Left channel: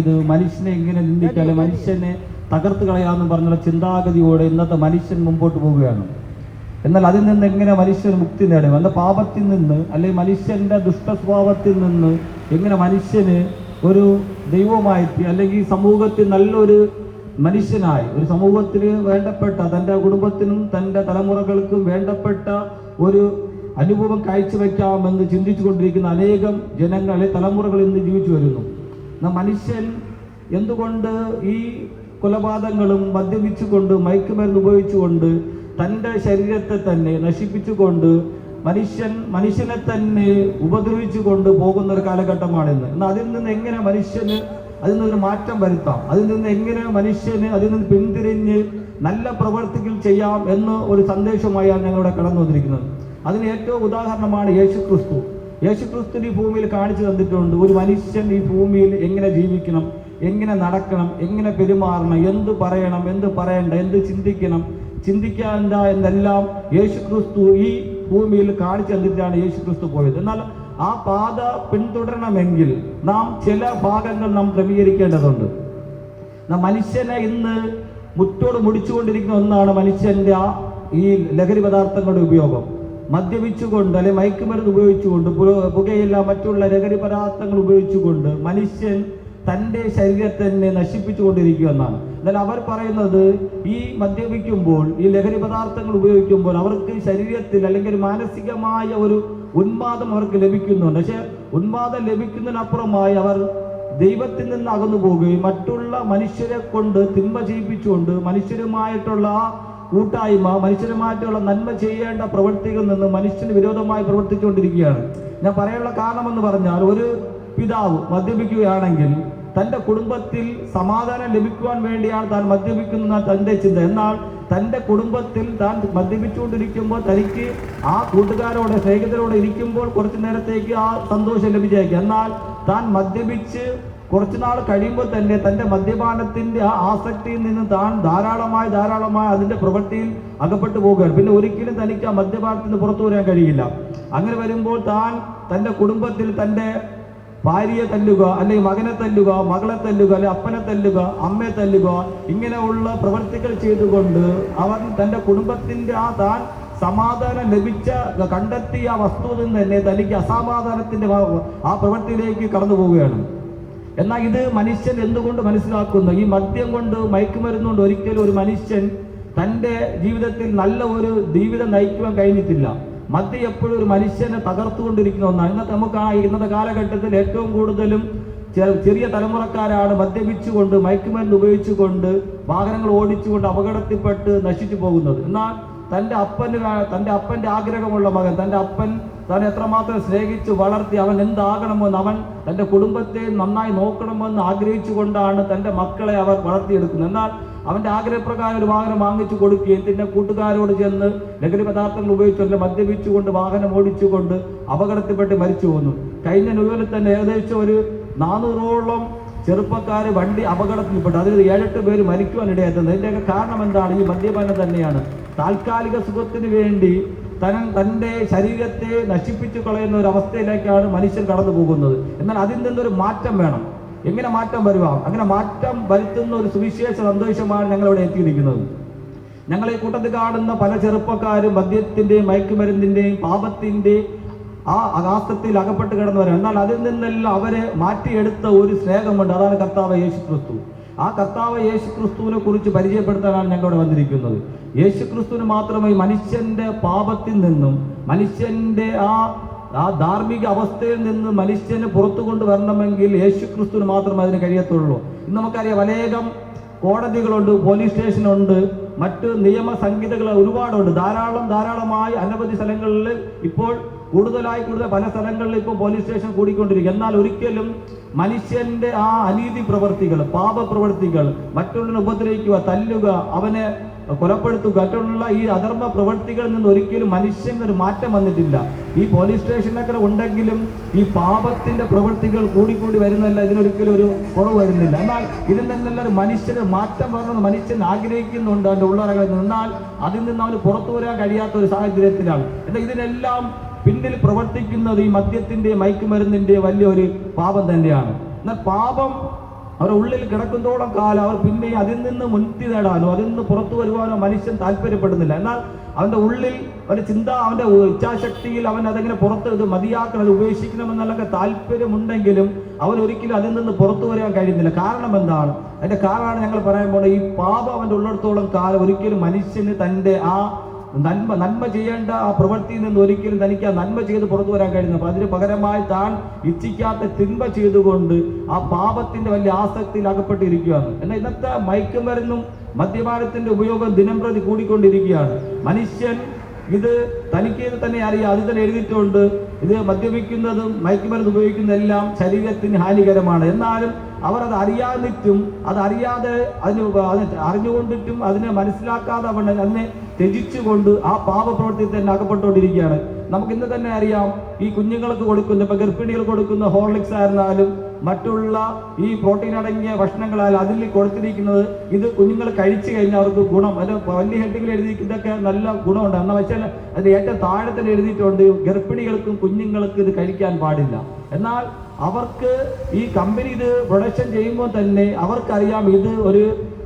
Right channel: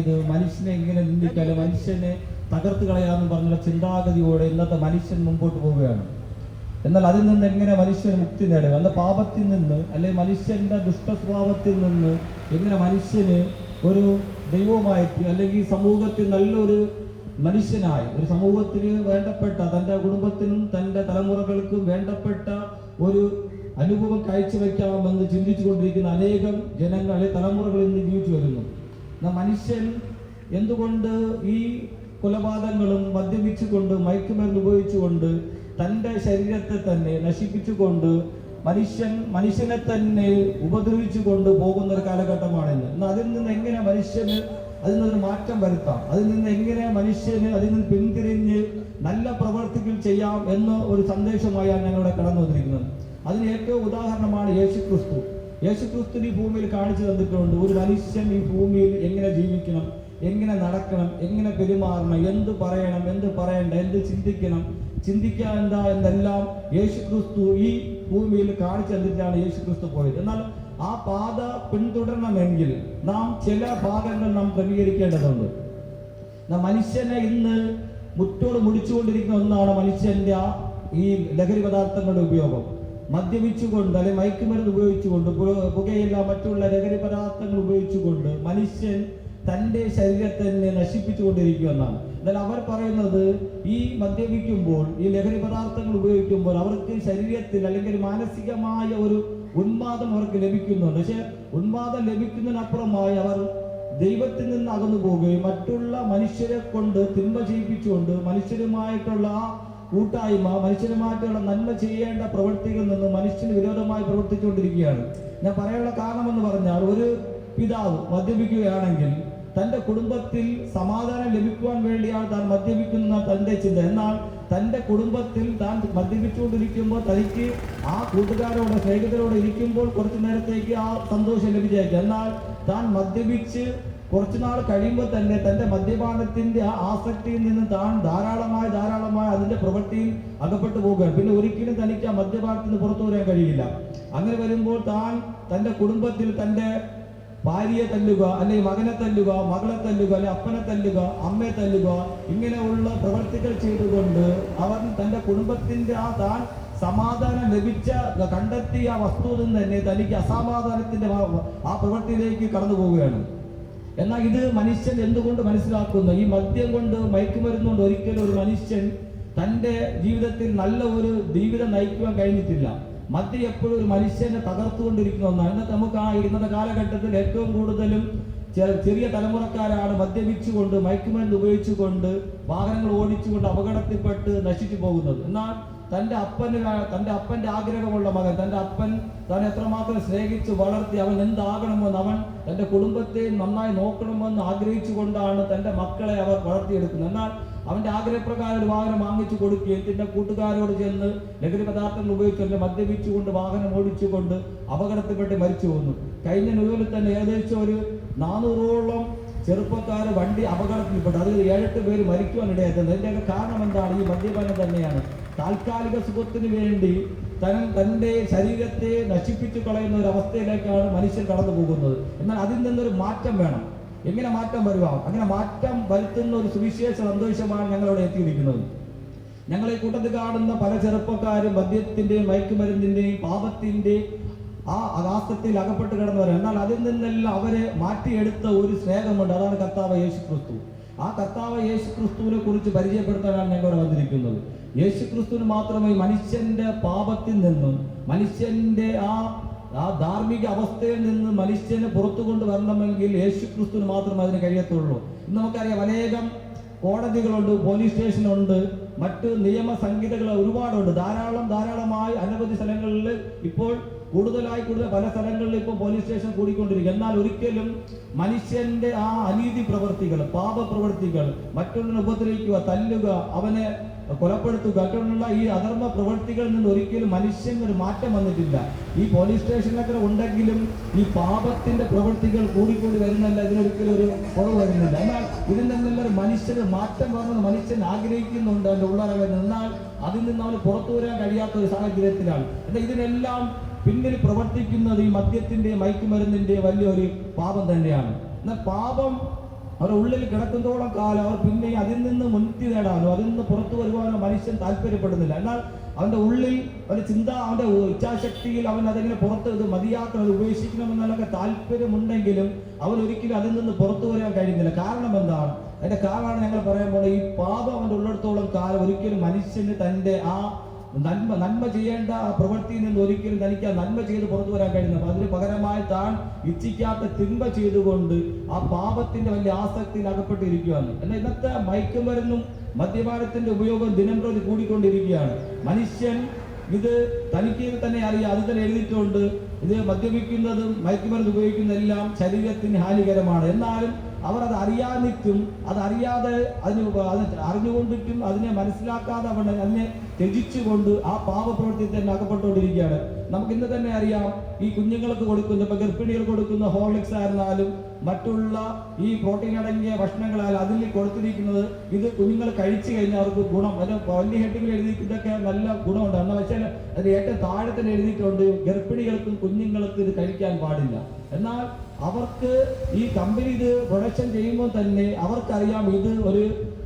ഇത് മനുഷ്യനെ എങ്ങനെ നിന്ദിക്കാതെ മനുഷ്യനെ തകർത്ത് കളയാമെന്ന് പറഞ്ഞുള്ള ചിന്താഗതിയോടെ ഇന്നത്തെ മനുഷ്യൻ മുമ്പോട്ട് പോവുകയാണ്. എന്നാൽ അതിൽ നിന്ന് എങ്ങനെ മനുഷ്യൻ മുക്തി നേടും എന്ന പാപത്തിൽ നിന്ന് അല്ലെങ്കിൽ മനുഷ്യന്റെ ദുഷ്ടസ്വഭാവത്തിൽ നിന്ന് എങ്ങനെ മനുഷ്യന് ഒരു ദൈവമായിട്ട് അല്ലെങ്കിൽ സമൂഹത്തിൽ നല്ലൊരു മനുഷ്യനായി ഒരു സമൂഹത്തിന് വേണ്ടപ്പെട്ട തൻ്റെ കുടുംബത്തിനും തൻ്റെ തലമുറകൾക്കും വേണ്ടപ്പെട്ട ഒരു അനുഭവം കാഴ്ചവെക്കാമെന്ന് ചിന്തിച്ചു കൊണ്ടിരിക്കുന്ന അനേകം ജനങ്ങളെ തലമുറകൾ ഇന്ന് ജീവിച്ചു വരുന്നു. മനുഷ്യൻ എന്തുകൊണ്ട് ഈ കൊലപാതകങ്ങളും മദ്യപിച്ചുകൊണ്ട് മയക്കുമരുന്ന് ഉപയോഗിച്ചുകൊണ്ട് തൻ്റെ ശരീരത്തെ തന്നെ നശിപ്പിച്ചുകൊണ്ട് മനുഷ്യനെ തന്നെ ഉപദ്രവിച്ചുകൊണ്ട് പോകുന്ന ഒരു കാലഘട്ടമാണിന്ന്. എന്നാൽ അതിൽ നിന്ന് എങ്ങനെ മനുഷ്യന് അതിൽ നിന്നൊരു മാറ്റം വരുത്താം, അതിൽ നിന്ന് എങ്ങനെ മനുഷ്യന് അതിൽ നിന്ന് പിന്തിരിഞ്ഞ് നല്ല പ്രവർത്തികൾ ചെയ്യാം എന്ന ഒരു സന്ദേശമായാണ് ഞങ്ങളിവിടെ കടന്നു വന്നിരിക്കുന്നത്. അതിന് ഏറ്റവും ഉദാഹരണമാണ് യേശുക്രിസ്തു. യേശുക്രിസ്തു ഈ ഭൂമിയിൽ കാണിച്ചു തന്നിട്ടുണ്ട് ഒരു മനുഷ്യൻ ഈ ഭൂമിയിൽ എങ്ങനെ ജീവിക്കണം, എങ്ങനെ നടക്കണം, എങ്ങനെ പെരുമാറണം, എന്ത് പറയണം, എന്ത് പറയണ്ട, എന്ത് ചിന്തിക്കേണ്ട എന്നെല്ലാം യേശുക്രിസ്തു ഈ ഭൂമിയിൽ കാണിച്ചു തന്നിട്ടാണ് യേശുക്രിസ്തു പോയത്. എന്നാൽ ആ പാത പിന്തുടരണമെങ്കിൽ നാം ചില ഭാഗങ്ങൾ നാം ക്രമീകരിക്കേണ്ടതുണ്ട്. മനുഷ്യനെ ഇന്ന് മുറ്റോട് മുടിച്ചുകൊണ്ടിരിക്കുന്ന ഒന്നാണ് മനുഷ്യന്റെ ഈ ലഹരി പദാർത്ഥങ്ങളുടെ ഉപയോഗം. മദ്യപിച്ചുകൊണ്ട് അല്ലെങ്കിൽ മയക്കുമരുന്ന് ഉപയോഗിച്ചുകൊണ്ട് പുകയില്ല മറ്റുള്ള ലഹരി പദാർത്ഥങ്ങൾ ഉപയോഗിച്ചുകൊണ്ട് മനുഷ്യൻ തൻ്റെ ശരീരത്തെ തന്നെ നശിപ്പിച്ചുകൊണ്ടിരിക്കുക എന്നാണ്. എന്നാൽ അവർ പറയുന്നത് ഈ മദ്യപിക്കുമ്പോൾ ഈ ലഹരി പദാർത്ഥങ്ങൾ ഉപയോഗിക്കുമ്പോൾ അവർക്ക് ശരീരത്തിൽ അല്ലെങ്കിൽ മാനസികമായ ഒരു ഉന്മാദം അവർക്ക് ലഭിക്കുന്നുണ്ട്. പക്ഷെ ഉന്മാദം ലഭിക്കുന്നതിനപ്പുറമായി അവർ ദൈവത്തിൽ നിന്ന് അകന്നു പോവുകയും മറ്റുള്ള മനുഷ്യരെ കൊണ്ട് തിന്മ ചെയ്യിപ്പിച്ചുകൊണ്ട് മനുഷ്യരുമായിട്ടുള്ള കൂട്ടായ്മ മനുഷ്യരുമായിട്ടുള്ള നന്മ ചെയ്യേണ്ട പ്രവൃത്തികളിൽ നിന്ന് മനുഷ്യന് വിരോധമായി പ്രവർത്തിച്ചുകൊണ്ടിരിക്കുകയാണ്. ഞാൻ പറയാനുള്ള കാരണമെന്ന് പറഞ്ഞാൽ ഒരു പിതാവ് മദ്യപിക്കുകയാണെങ്കിൽ തൻ്റെ കുടുംബത്തിൽ സമാധാനം ലഭിക്കുവാൻ വേണ്ടിയാണ് താൻ മദ്യപിക്കുന്ന തൻ്റെ ചിന്ത. എന്നാൽ തൻ്റെ കുടുംബത്തിൽ താൻ മദ്യപിച്ചുകൊണ്ടിരിക്കുമ്പോൾ തനിക്ക് ആ കൂട്ടുകാരോട് സ്നേഹിതരോട് ഇരിക്കുമ്പോൾ കുറച്ചു നേരത്തേക്ക് ആ സന്തോഷം ലഭിച്ചേക്കും. എന്നാൽ താൻ മദ്യപിച്ച് കുറച്ചുനാൾ കഴിയുമ്പോൾ തന്നെ തൻ്റെ മദ്യപാനത്തിൻ്റെ ആ ആസക്തിയിൽ നിന്ന് താൻ ധാരാളമായി അതിൻ്റെ പ്രവൃത്തിയിൽ അകപ്പെട്ടു പോകുകയാണ്. പിന്നെ ഒരിക്കലും തനിക്ക് ആ മദ്യപാനത്തിൽ നിന്ന് പുറത്തു വരാൻ കഴിയില്ല. അങ്ങനെ വരുമ്പോൾ താൻ തൻ്റെ കുടുംബത്തിൽ തൻ്റെ ഭാര്യയെ തല്ലുക, അല്ലെങ്കിൽ മകനെ തല്ലുക, മകളെ തല്ലുക, അല്ലെങ്കിൽ അപ്പനെ തല്ലുക, അമ്മയെ തല്ലുക, ഇങ്ങനെയുള്ള പ്രവൃത്തികൾ ചെയ്തുകൊണ്ട് അവൻ തൻ്റെ കുടുംബത്തിൻ്റെ താൻ സമാധാനം കണ്ടെത്തിയ ആ വസ്തുവിൽ നിന്ന് തന്നെ തനിക്ക് അസമാധാനത്തിന്റെ ആ പ്രവൃത്തിയിലേക്ക് കടന്നു പോവുകയാണ്. എന്നാൽ ഇത് മനുഷ്യൻ എന്തുകൊണ്ട് മനസ്സിലാക്കുന്നു? ഈ മദ്യം കൊണ്ട് മയക്കുമരുന്ന് കൊണ്ട് ഒരിക്കലും ഒരു മനുഷ്യൻ തൻ്റെ ജീവിതത്തിൽ നല്ല ഒരു ജീവിതം നയിക്കുവാൻ കഴിഞ്ഞിട്ടില്ല. മദ്യം എപ്പോഴും ഒരു മനുഷ്യനെ തകർത്തുകൊണ്ടിരിക്കുന്ന ഒന്നാണ്. ഇന്നത്തെ കാലഘട്ടത്തിൽ ഏറ്റവും കൂടുതലും ചെറിയ തലമുറക്കാരാണ് മദ്യപിച്ചുകൊണ്ട് മയക്കുമരുന്ന് ഉപയോഗിച്ചുകൊണ്ട് വാഹനങ്ങൾ ഓടിച്ചുകൊണ്ട് അപകടത്തിൽപ്പെട്ട് നശിച്ചു പോകുന്നത്. എന്നാൽ തൻ്റെ അപ്പൻ്റെ ആഗ്രഹമുള്ള മകൻ, തൻ്റെ അപ്പൻ താൻ എത്രമാത്രം സ്നേഹിച്ച് വളർത്തി അവൻ എന്താകണമെന്ന്, അവൻ തൻ്റെ കുടുംബത്തെ നന്നായി നോക്കണമെന്ന് ആഗ്രഹിച്ചുകൊണ്ടാണ് തൻ്റെ മക്കളെ അവർ വളർത്തിയെടുക്കുന്നത്. എന്നാൽ അവൻ്റെ ആഗ്രഹപ്രകാരം ഒരു വാഹനം വാങ്ങിച്ചു കൊടുക്കുകയും തൻ്റെ കൂട്ടുകാരോട് ചെന്ന് ലഹരി പദാർത്ഥങ്ങൾ ഉപയോഗിച്ചുകൊണ്ട് മദ്യപിച്ചുകൊണ്ട് വാഹനം ഓടിച്ചുകൊണ്ട് അപകടത്തിൽപ്പെട്ട് മരിച്ചു പോകുന്നു. കഴിഞ്ഞ ന്യൂയോർക്കിൽ തന്നെ ഏകദേശം ഒരു 400ഓളം ചെറുപ്പക്കാർ വണ്ടി അപകടത്തിൽപ്പെട്ടു. അതിൽ 7-8 പേര് മരിക്കുവാനിടയായിട്ടുണ്ട്. ഇതിൻ്റെയൊക്കെ കാരണം എന്താണ്? ഈ മദ്യപാനം തന്നെയാണ്. താൽക്കാലിക സുഖത്തിന് വേണ്ടി തൻ്റെ ശരീരത്തെ നശിപ്പിച്ചു കളയുന്ന ഒരു അവസ്ഥയിലേക്കാണ് മനുഷ്യൻ കടന്നു പോകുന്നത്. എന്നാൽ അതിൽ നിന്നൊരു മാറ്റം വേണം. എങ്ങനെ മാറ്റം വരുക? അങ്ങനെ മാറ്റം വരുത്തുന്ന ഒരു സുവിശേഷ സന്ദേശമാണ് ഞങ്ങളിവിടെ എത്തിയിരിക്കുന്നത്. ഞങ്ങൾ ഈ കൂട്ടത്തിൽ കാണുന്ന പല ചെറുപ്പക്കാരും മദ്യത്തിൻ്റെയും മയക്കുമരുന്നിൻ്റെയും പാപത്തിൻ്റെയും ആ ആകാശത്തിൽ അകപ്പെട്ട് കിടന്നവരാണ്. എന്നാൽ അതിൽ നിന്നെല്ലാം അവരെ മാറ്റിയെടുത്ത ഒരു സ്നേഹമുണ്ട്. അതാണ് കർത്താവ് യേശുക്രിസ്തു. ആ കർത്താവ് യേശുക്രിസ്തുവിനെ കുറിച്ച് പരിചയപ്പെടുത്താനാണ് ഞങ്ങളിവിടെ വന്നിരിക്കുന്നത്. യേശുക്രിസ്തുവിന് മാത്രമേ മനുഷ്യന്റെ പാപത്തിൽ നിന്നും മനുഷ്യന്റെ ആ ധാർമ്മിക അവസ്ഥയിൽ നിന്ന് മനുഷ്യനെ പുറത്തു കൊണ്ടുവരണമെങ്കിൽ യേശുക്രിസ്തുവിന് മാത്രമേ അതിന് കഴിയത്തുള്ളൂ. ഇന്ന് നമുക്കറിയാം അനേകം കോടതികളുണ്ട്, പോലീസ് സ്റ്റേഷനുണ്ട്, മറ്റ് നിയമ സംഹിതകൾ ഒരുപാടുണ്ട്. ധാരാളമായി അനവധി സ്ഥലങ്ങളിൽ ഇപ്പോൾ കൂടുതൽ പല സ്ഥലങ്ങളിൽ ഇപ്പോൾ പോലീസ് സ്റ്റേഷൻ കൂടിക്കൊണ്ടിരിക്കും. എന്നാൽ ഒരിക്കലും മനുഷ്യന്റെ ആ അനീതി പ്രവർത്തികൾ, പാപപ്രവർത്തികൾ, മറ്റുള്ളവരെ ഉപദ്രവിക്കുക, തല്ലുക, അവനെ കൊലപ്പെടുത്തുക, മറ്റുള്ള ഈ അധർമ്മ പ്രവർത്തികളിൽ നിന്ന് ഒരിക്കലും മനുഷ്യനൊരു മാറ്റം വന്നിട്ടില്ല. ഈ പോലീസ് സ്റ്റേഷനൊക്കെ ഉണ്ടെങ്കിലും ഈ പാപത്തിന്റെ പ്രവൃത്തികൾ കൂടിക്കൂടി വരുന്നില്ല, ഇതിനൊരിക്കലും ഒരു കുറവ് വരുന്നില്ല. എന്നാൽ ഇതിൽ നിന്നെല്ലാം ഒരു മനുഷ്യന് മാറ്റം വരണമെന്ന് മനുഷ്യൻ ആഗ്രഹിക്കുന്നുണ്ട് അതിൻ്റെ ഉള്ളറകളിൽ. എന്നാൽ അതിൽ നിന്ന് അവന് പുറത്തു വരാൻ കഴിയാത്ത ഒരു സാഹചര്യത്തിലാണ്. എന്നാൽ ഇതിനെല്ലാം പിന്നിൽ പ്രവർത്തിക്കുന്നത് ഈ മദ്യത്തിൻ്റെ മയക്കുമരുന്നിൻ്റെ വലിയൊരു പാപം തന്നെയാണ്. എന്നാൽ പാപം അവരുടെ ഉള്ളിൽ കിടക്കുന്നതോളം കാലം അവർ പിന്നെ അതിൽ നിന്ന് മുക്തി നേടാനോ അതിൽ നിന്ന് പുറത്തു വരുവാനോ മനുഷ്യൻ താല്പര്യപ്പെടുന്നില്ല. എന്നാൽ അവന്റെ ഉള്ളിൽ അവന്റെ ചിന്ത, അവന്റെ ഇച്ഛാശക്തിയിൽ അവൻ അതെങ്ങനെ പുറത്ത് ഇത് മതിയാക്കണം, അത് ഉപേക്ഷിക്കണമെന്നുള്ളൊക്കെ താല്പര്യമുണ്ടെങ്കിലും അവൻ ഒരിക്കലും അതിൽ നിന്ന് പുറത്തു വരാൻ കഴിയുന്നില്ല. കാരണം എന്താണ്? അതിന്റെ കാരണമാണ് ഞങ്ങൾ പറയാൻ പോകുന്നത്. ഈ പാപം അവന്റെ ഉള്ളിടത്തോളം കാലം ഒരിക്കലും മനുഷ്യന് തന്റെ ആ നന്മ ചെയ്യേണ്ട ആ പ്രവൃത്തിയിൽ നിന്ന് ഒരിക്കലും തനിക്ക് ആ നന്മ ചെയ്ത് പുറത്തു വരാൻ കഴിയുന്നു. അപ്പൊ അതിന് പകരമായി താൻ ഇച്ഛിക്കാത്ത തിന്മ ചെയ്തുകൊണ്ട് ആ പാപത്തിന്റെ വലിയ ആസക്തിയിൽ അകപ്പെട്ടിരിക്കുകയാണ്. എന്നാൽ ഇന്നത്തെ മയക്കുമരുന്നും മദ്യപാനത്തിന്റെ ഉപയോഗം ദിനം പ്രതി കൂടിക്കൊണ്ടിരിക്കുകയാണ്. മനുഷ്യൻ ഇത് തനിക്ക് തന്നെ അറിയാം, അത് തന്നെ എഴുതിയിട്ടുണ്ട്. ഇത് മദ്യപിക്കുന്നതും മയക്കുമരുന്ന് ഉപയോഗിക്കുന്നതെല്ലാം ശരീരത്തിന് ഹാനികരമാണ്. എന്നാലും അവർ അത് അറിയാതിട്ടും അതറിയാതെ അറിഞ്ഞുകൊണ്ടിട്ടും അതിനെ മനസ്സിലാക്കാതെ അവൻ അതിനെ ത്യജിച്ചുകൊണ്ട് ആ പാപപ്രവൃത്തി തന്നെ അകപ്പെട്ടുകൊണ്ടിരിക്കുകയാണ്. നമുക്ക് ഇന്ന് തന്നെ അറിയാം, ഈ കുഞ്ഞുങ്ങൾക്ക് കൊടുക്കുന്ന, ഇപ്പൊ ഗർഭിണികൾ കൊടുക്കുന്ന ഹോർലിക്സ് ആയിരുന്നാലും മറ്റുള്ള ഈ പ്രോട്ടീൻ അടങ്ങിയ ഭക്ഷണങ്ങളായാലും അതിൽ കൊടുത്തിരിക്കുന്നത് ഇത് കുഞ്ഞുങ്ങൾ കഴിച്ചു കഴിഞ്ഞാൽ അവർക്ക് ഗുണം, അത് വലിയ ഹെഡിങ്ങിൽ എഴുതി ഇതൊക്കെ നല്ല ഗുണമുണ്ട്. എന്നാൽ വെച്ചാൽ അത് ഏറ്റവും താഴെ തന്നെ എഴുതിയിട്ടുണ്ട് ഗർഭിണികൾക്കും കുഞ്ഞുങ്ങൾക്കും ഇത് കഴിക്കാൻ പാടില്ല. എന്നാൽ അവർക്ക് ഈ കമ്പനി ഇത് പ്രൊഡക്ഷൻ ചെയ്യുമ്പോൾ തന്നെ അവർക്കറിയാം ഇത്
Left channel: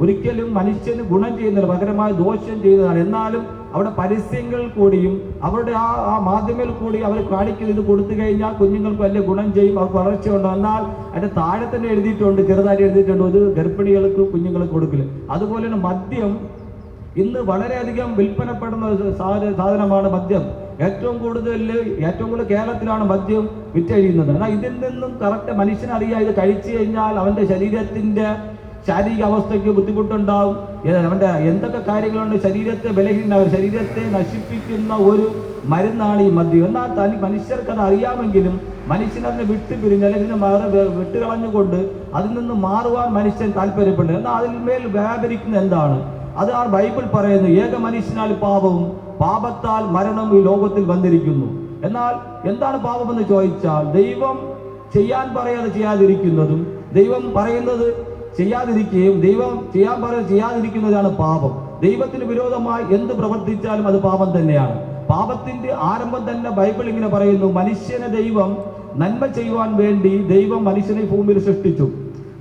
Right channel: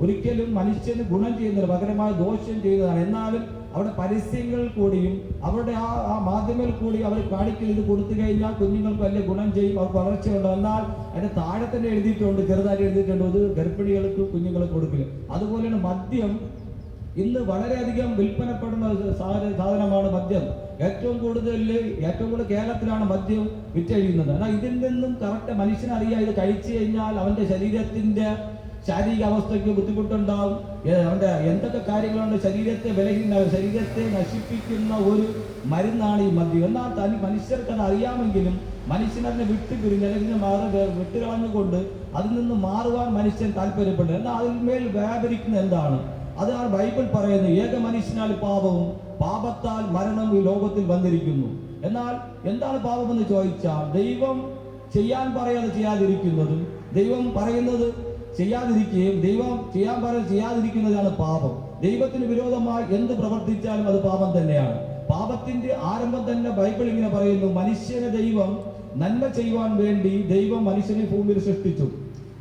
ഒരിക്കലും മനുഷ്യന് ഗുണം ചെയ്യുന്നില്ല, പകരമായി ദോഷം ചെയ്യുന്നതാണ്. എന്നാലും അവിടെ പരസ്യങ്ങൾ കൂടിയും അവരുടെ ആ മാധ്യമങ്ങളിൽ കൂടി അവർ കാണിക്കൽ ഇത് കൊടുത്തു കഴിഞ്ഞാൽ കുഞ്ഞുങ്ങൾക്ക് വലിയ ഗുണം ചെയ്യും, അവർക്ക് വളർച്ചയുണ്ടോ. എന്നാൽ അതിന്റെ താഴെ തന്നെ എഴുതിയിട്ടുണ്ട്, ചെറുതായിട്ട് എഴുതിയിട്ടുണ്ട്, ഇത് ഗർഭിണികൾക്ക് കുഞ്ഞുങ്ങൾക്ക് കൊടുക്കില്ല. അതുപോലെ തന്നെ മദ്യം ഇന്ന് വളരെയധികം വിൽപ്പനപ്പെടുന്ന സാധനമാണ് മദ്യം. ഏറ്റവും കൂടുതൽ കേരളത്തിലാണ് മദ്യം വിറ്റഴിയുന്നത്. എന്നാൽ ഇതിൽ നിന്നും കറക്റ്റ് മനുഷ്യനറിയാം, ഇത് കഴിച്ചു കഴിഞ്ഞാൽ അവന്റെ ശരീരത്തിന്റെ ശാരീരിക അവസ്ഥയ്ക്ക് ബുദ്ധിമുട്ടുണ്ടാവും, അവന്റെ എന്തൊക്കെ കാര്യങ്ങളുണ്ട്, ശരീരത്തെ ബലഹീനമാവും, ശരീരത്തെ നശിപ്പിക്കുന്ന ഒരു മരുന്നാണ് ഈ മദ്യം. എന്നാൽ മനുഷ്യർക്ക് അത് അറിയാമെങ്കിലും മനുഷ്യനെ വിട്ടുപിരിഞ്ഞ് അല്ലെങ്കിൽ വിട്ടുകളഞ്ഞുകൊണ്ട് അതിൽ നിന്ന് മാറുവാൻ മനുഷ്യൻ താല്പര്യപ്പെടുന്നു. എന്നാൽ അതിന്മേൽ വ്യാപരിക്കുന്ന എന്താണ്? അതാണ് ബൈബിൾ പറയുന്നത്, ഏക മനുഷ്യനാൽ പാപവും പാപത്താൽ മരണം ഈ ലോകത്തിൽ വന്നിരിക്കുന്നു. എന്നാൽ എന്താണ് പാപമെന്ന് ചോദിച്ചാൽ ദൈവം ചെയ്യാൻ പറയാതെ ചെയ്യാതിരിക്കുന്നതും ദൈവം പറയുന്നത് ചെയ്യാതിരിക്കുകയും ദൈവം ചെയ്യാൻ പറയുന്നത് ചെയ്യാതിരിക്കുന്നതാണ് പാപം. ദൈവത്തിന് വിരോധമായി എന്ത് പ്രവർത്തിച്ചാലും അത് പാപം തന്നെയാണ്. പാപത്തിന്റെ ആരംഭം തന്നെ ബൈബിൾ ഇങ്ങനെ പറയുന്നു, മനുഷ്യനെ ദൈവം നന്മ ചെയ്യുവാൻ വേണ്ടി ദൈവം മനുഷ്യനെ ഭൂമിയിൽ സൃഷ്ടിച്ചു.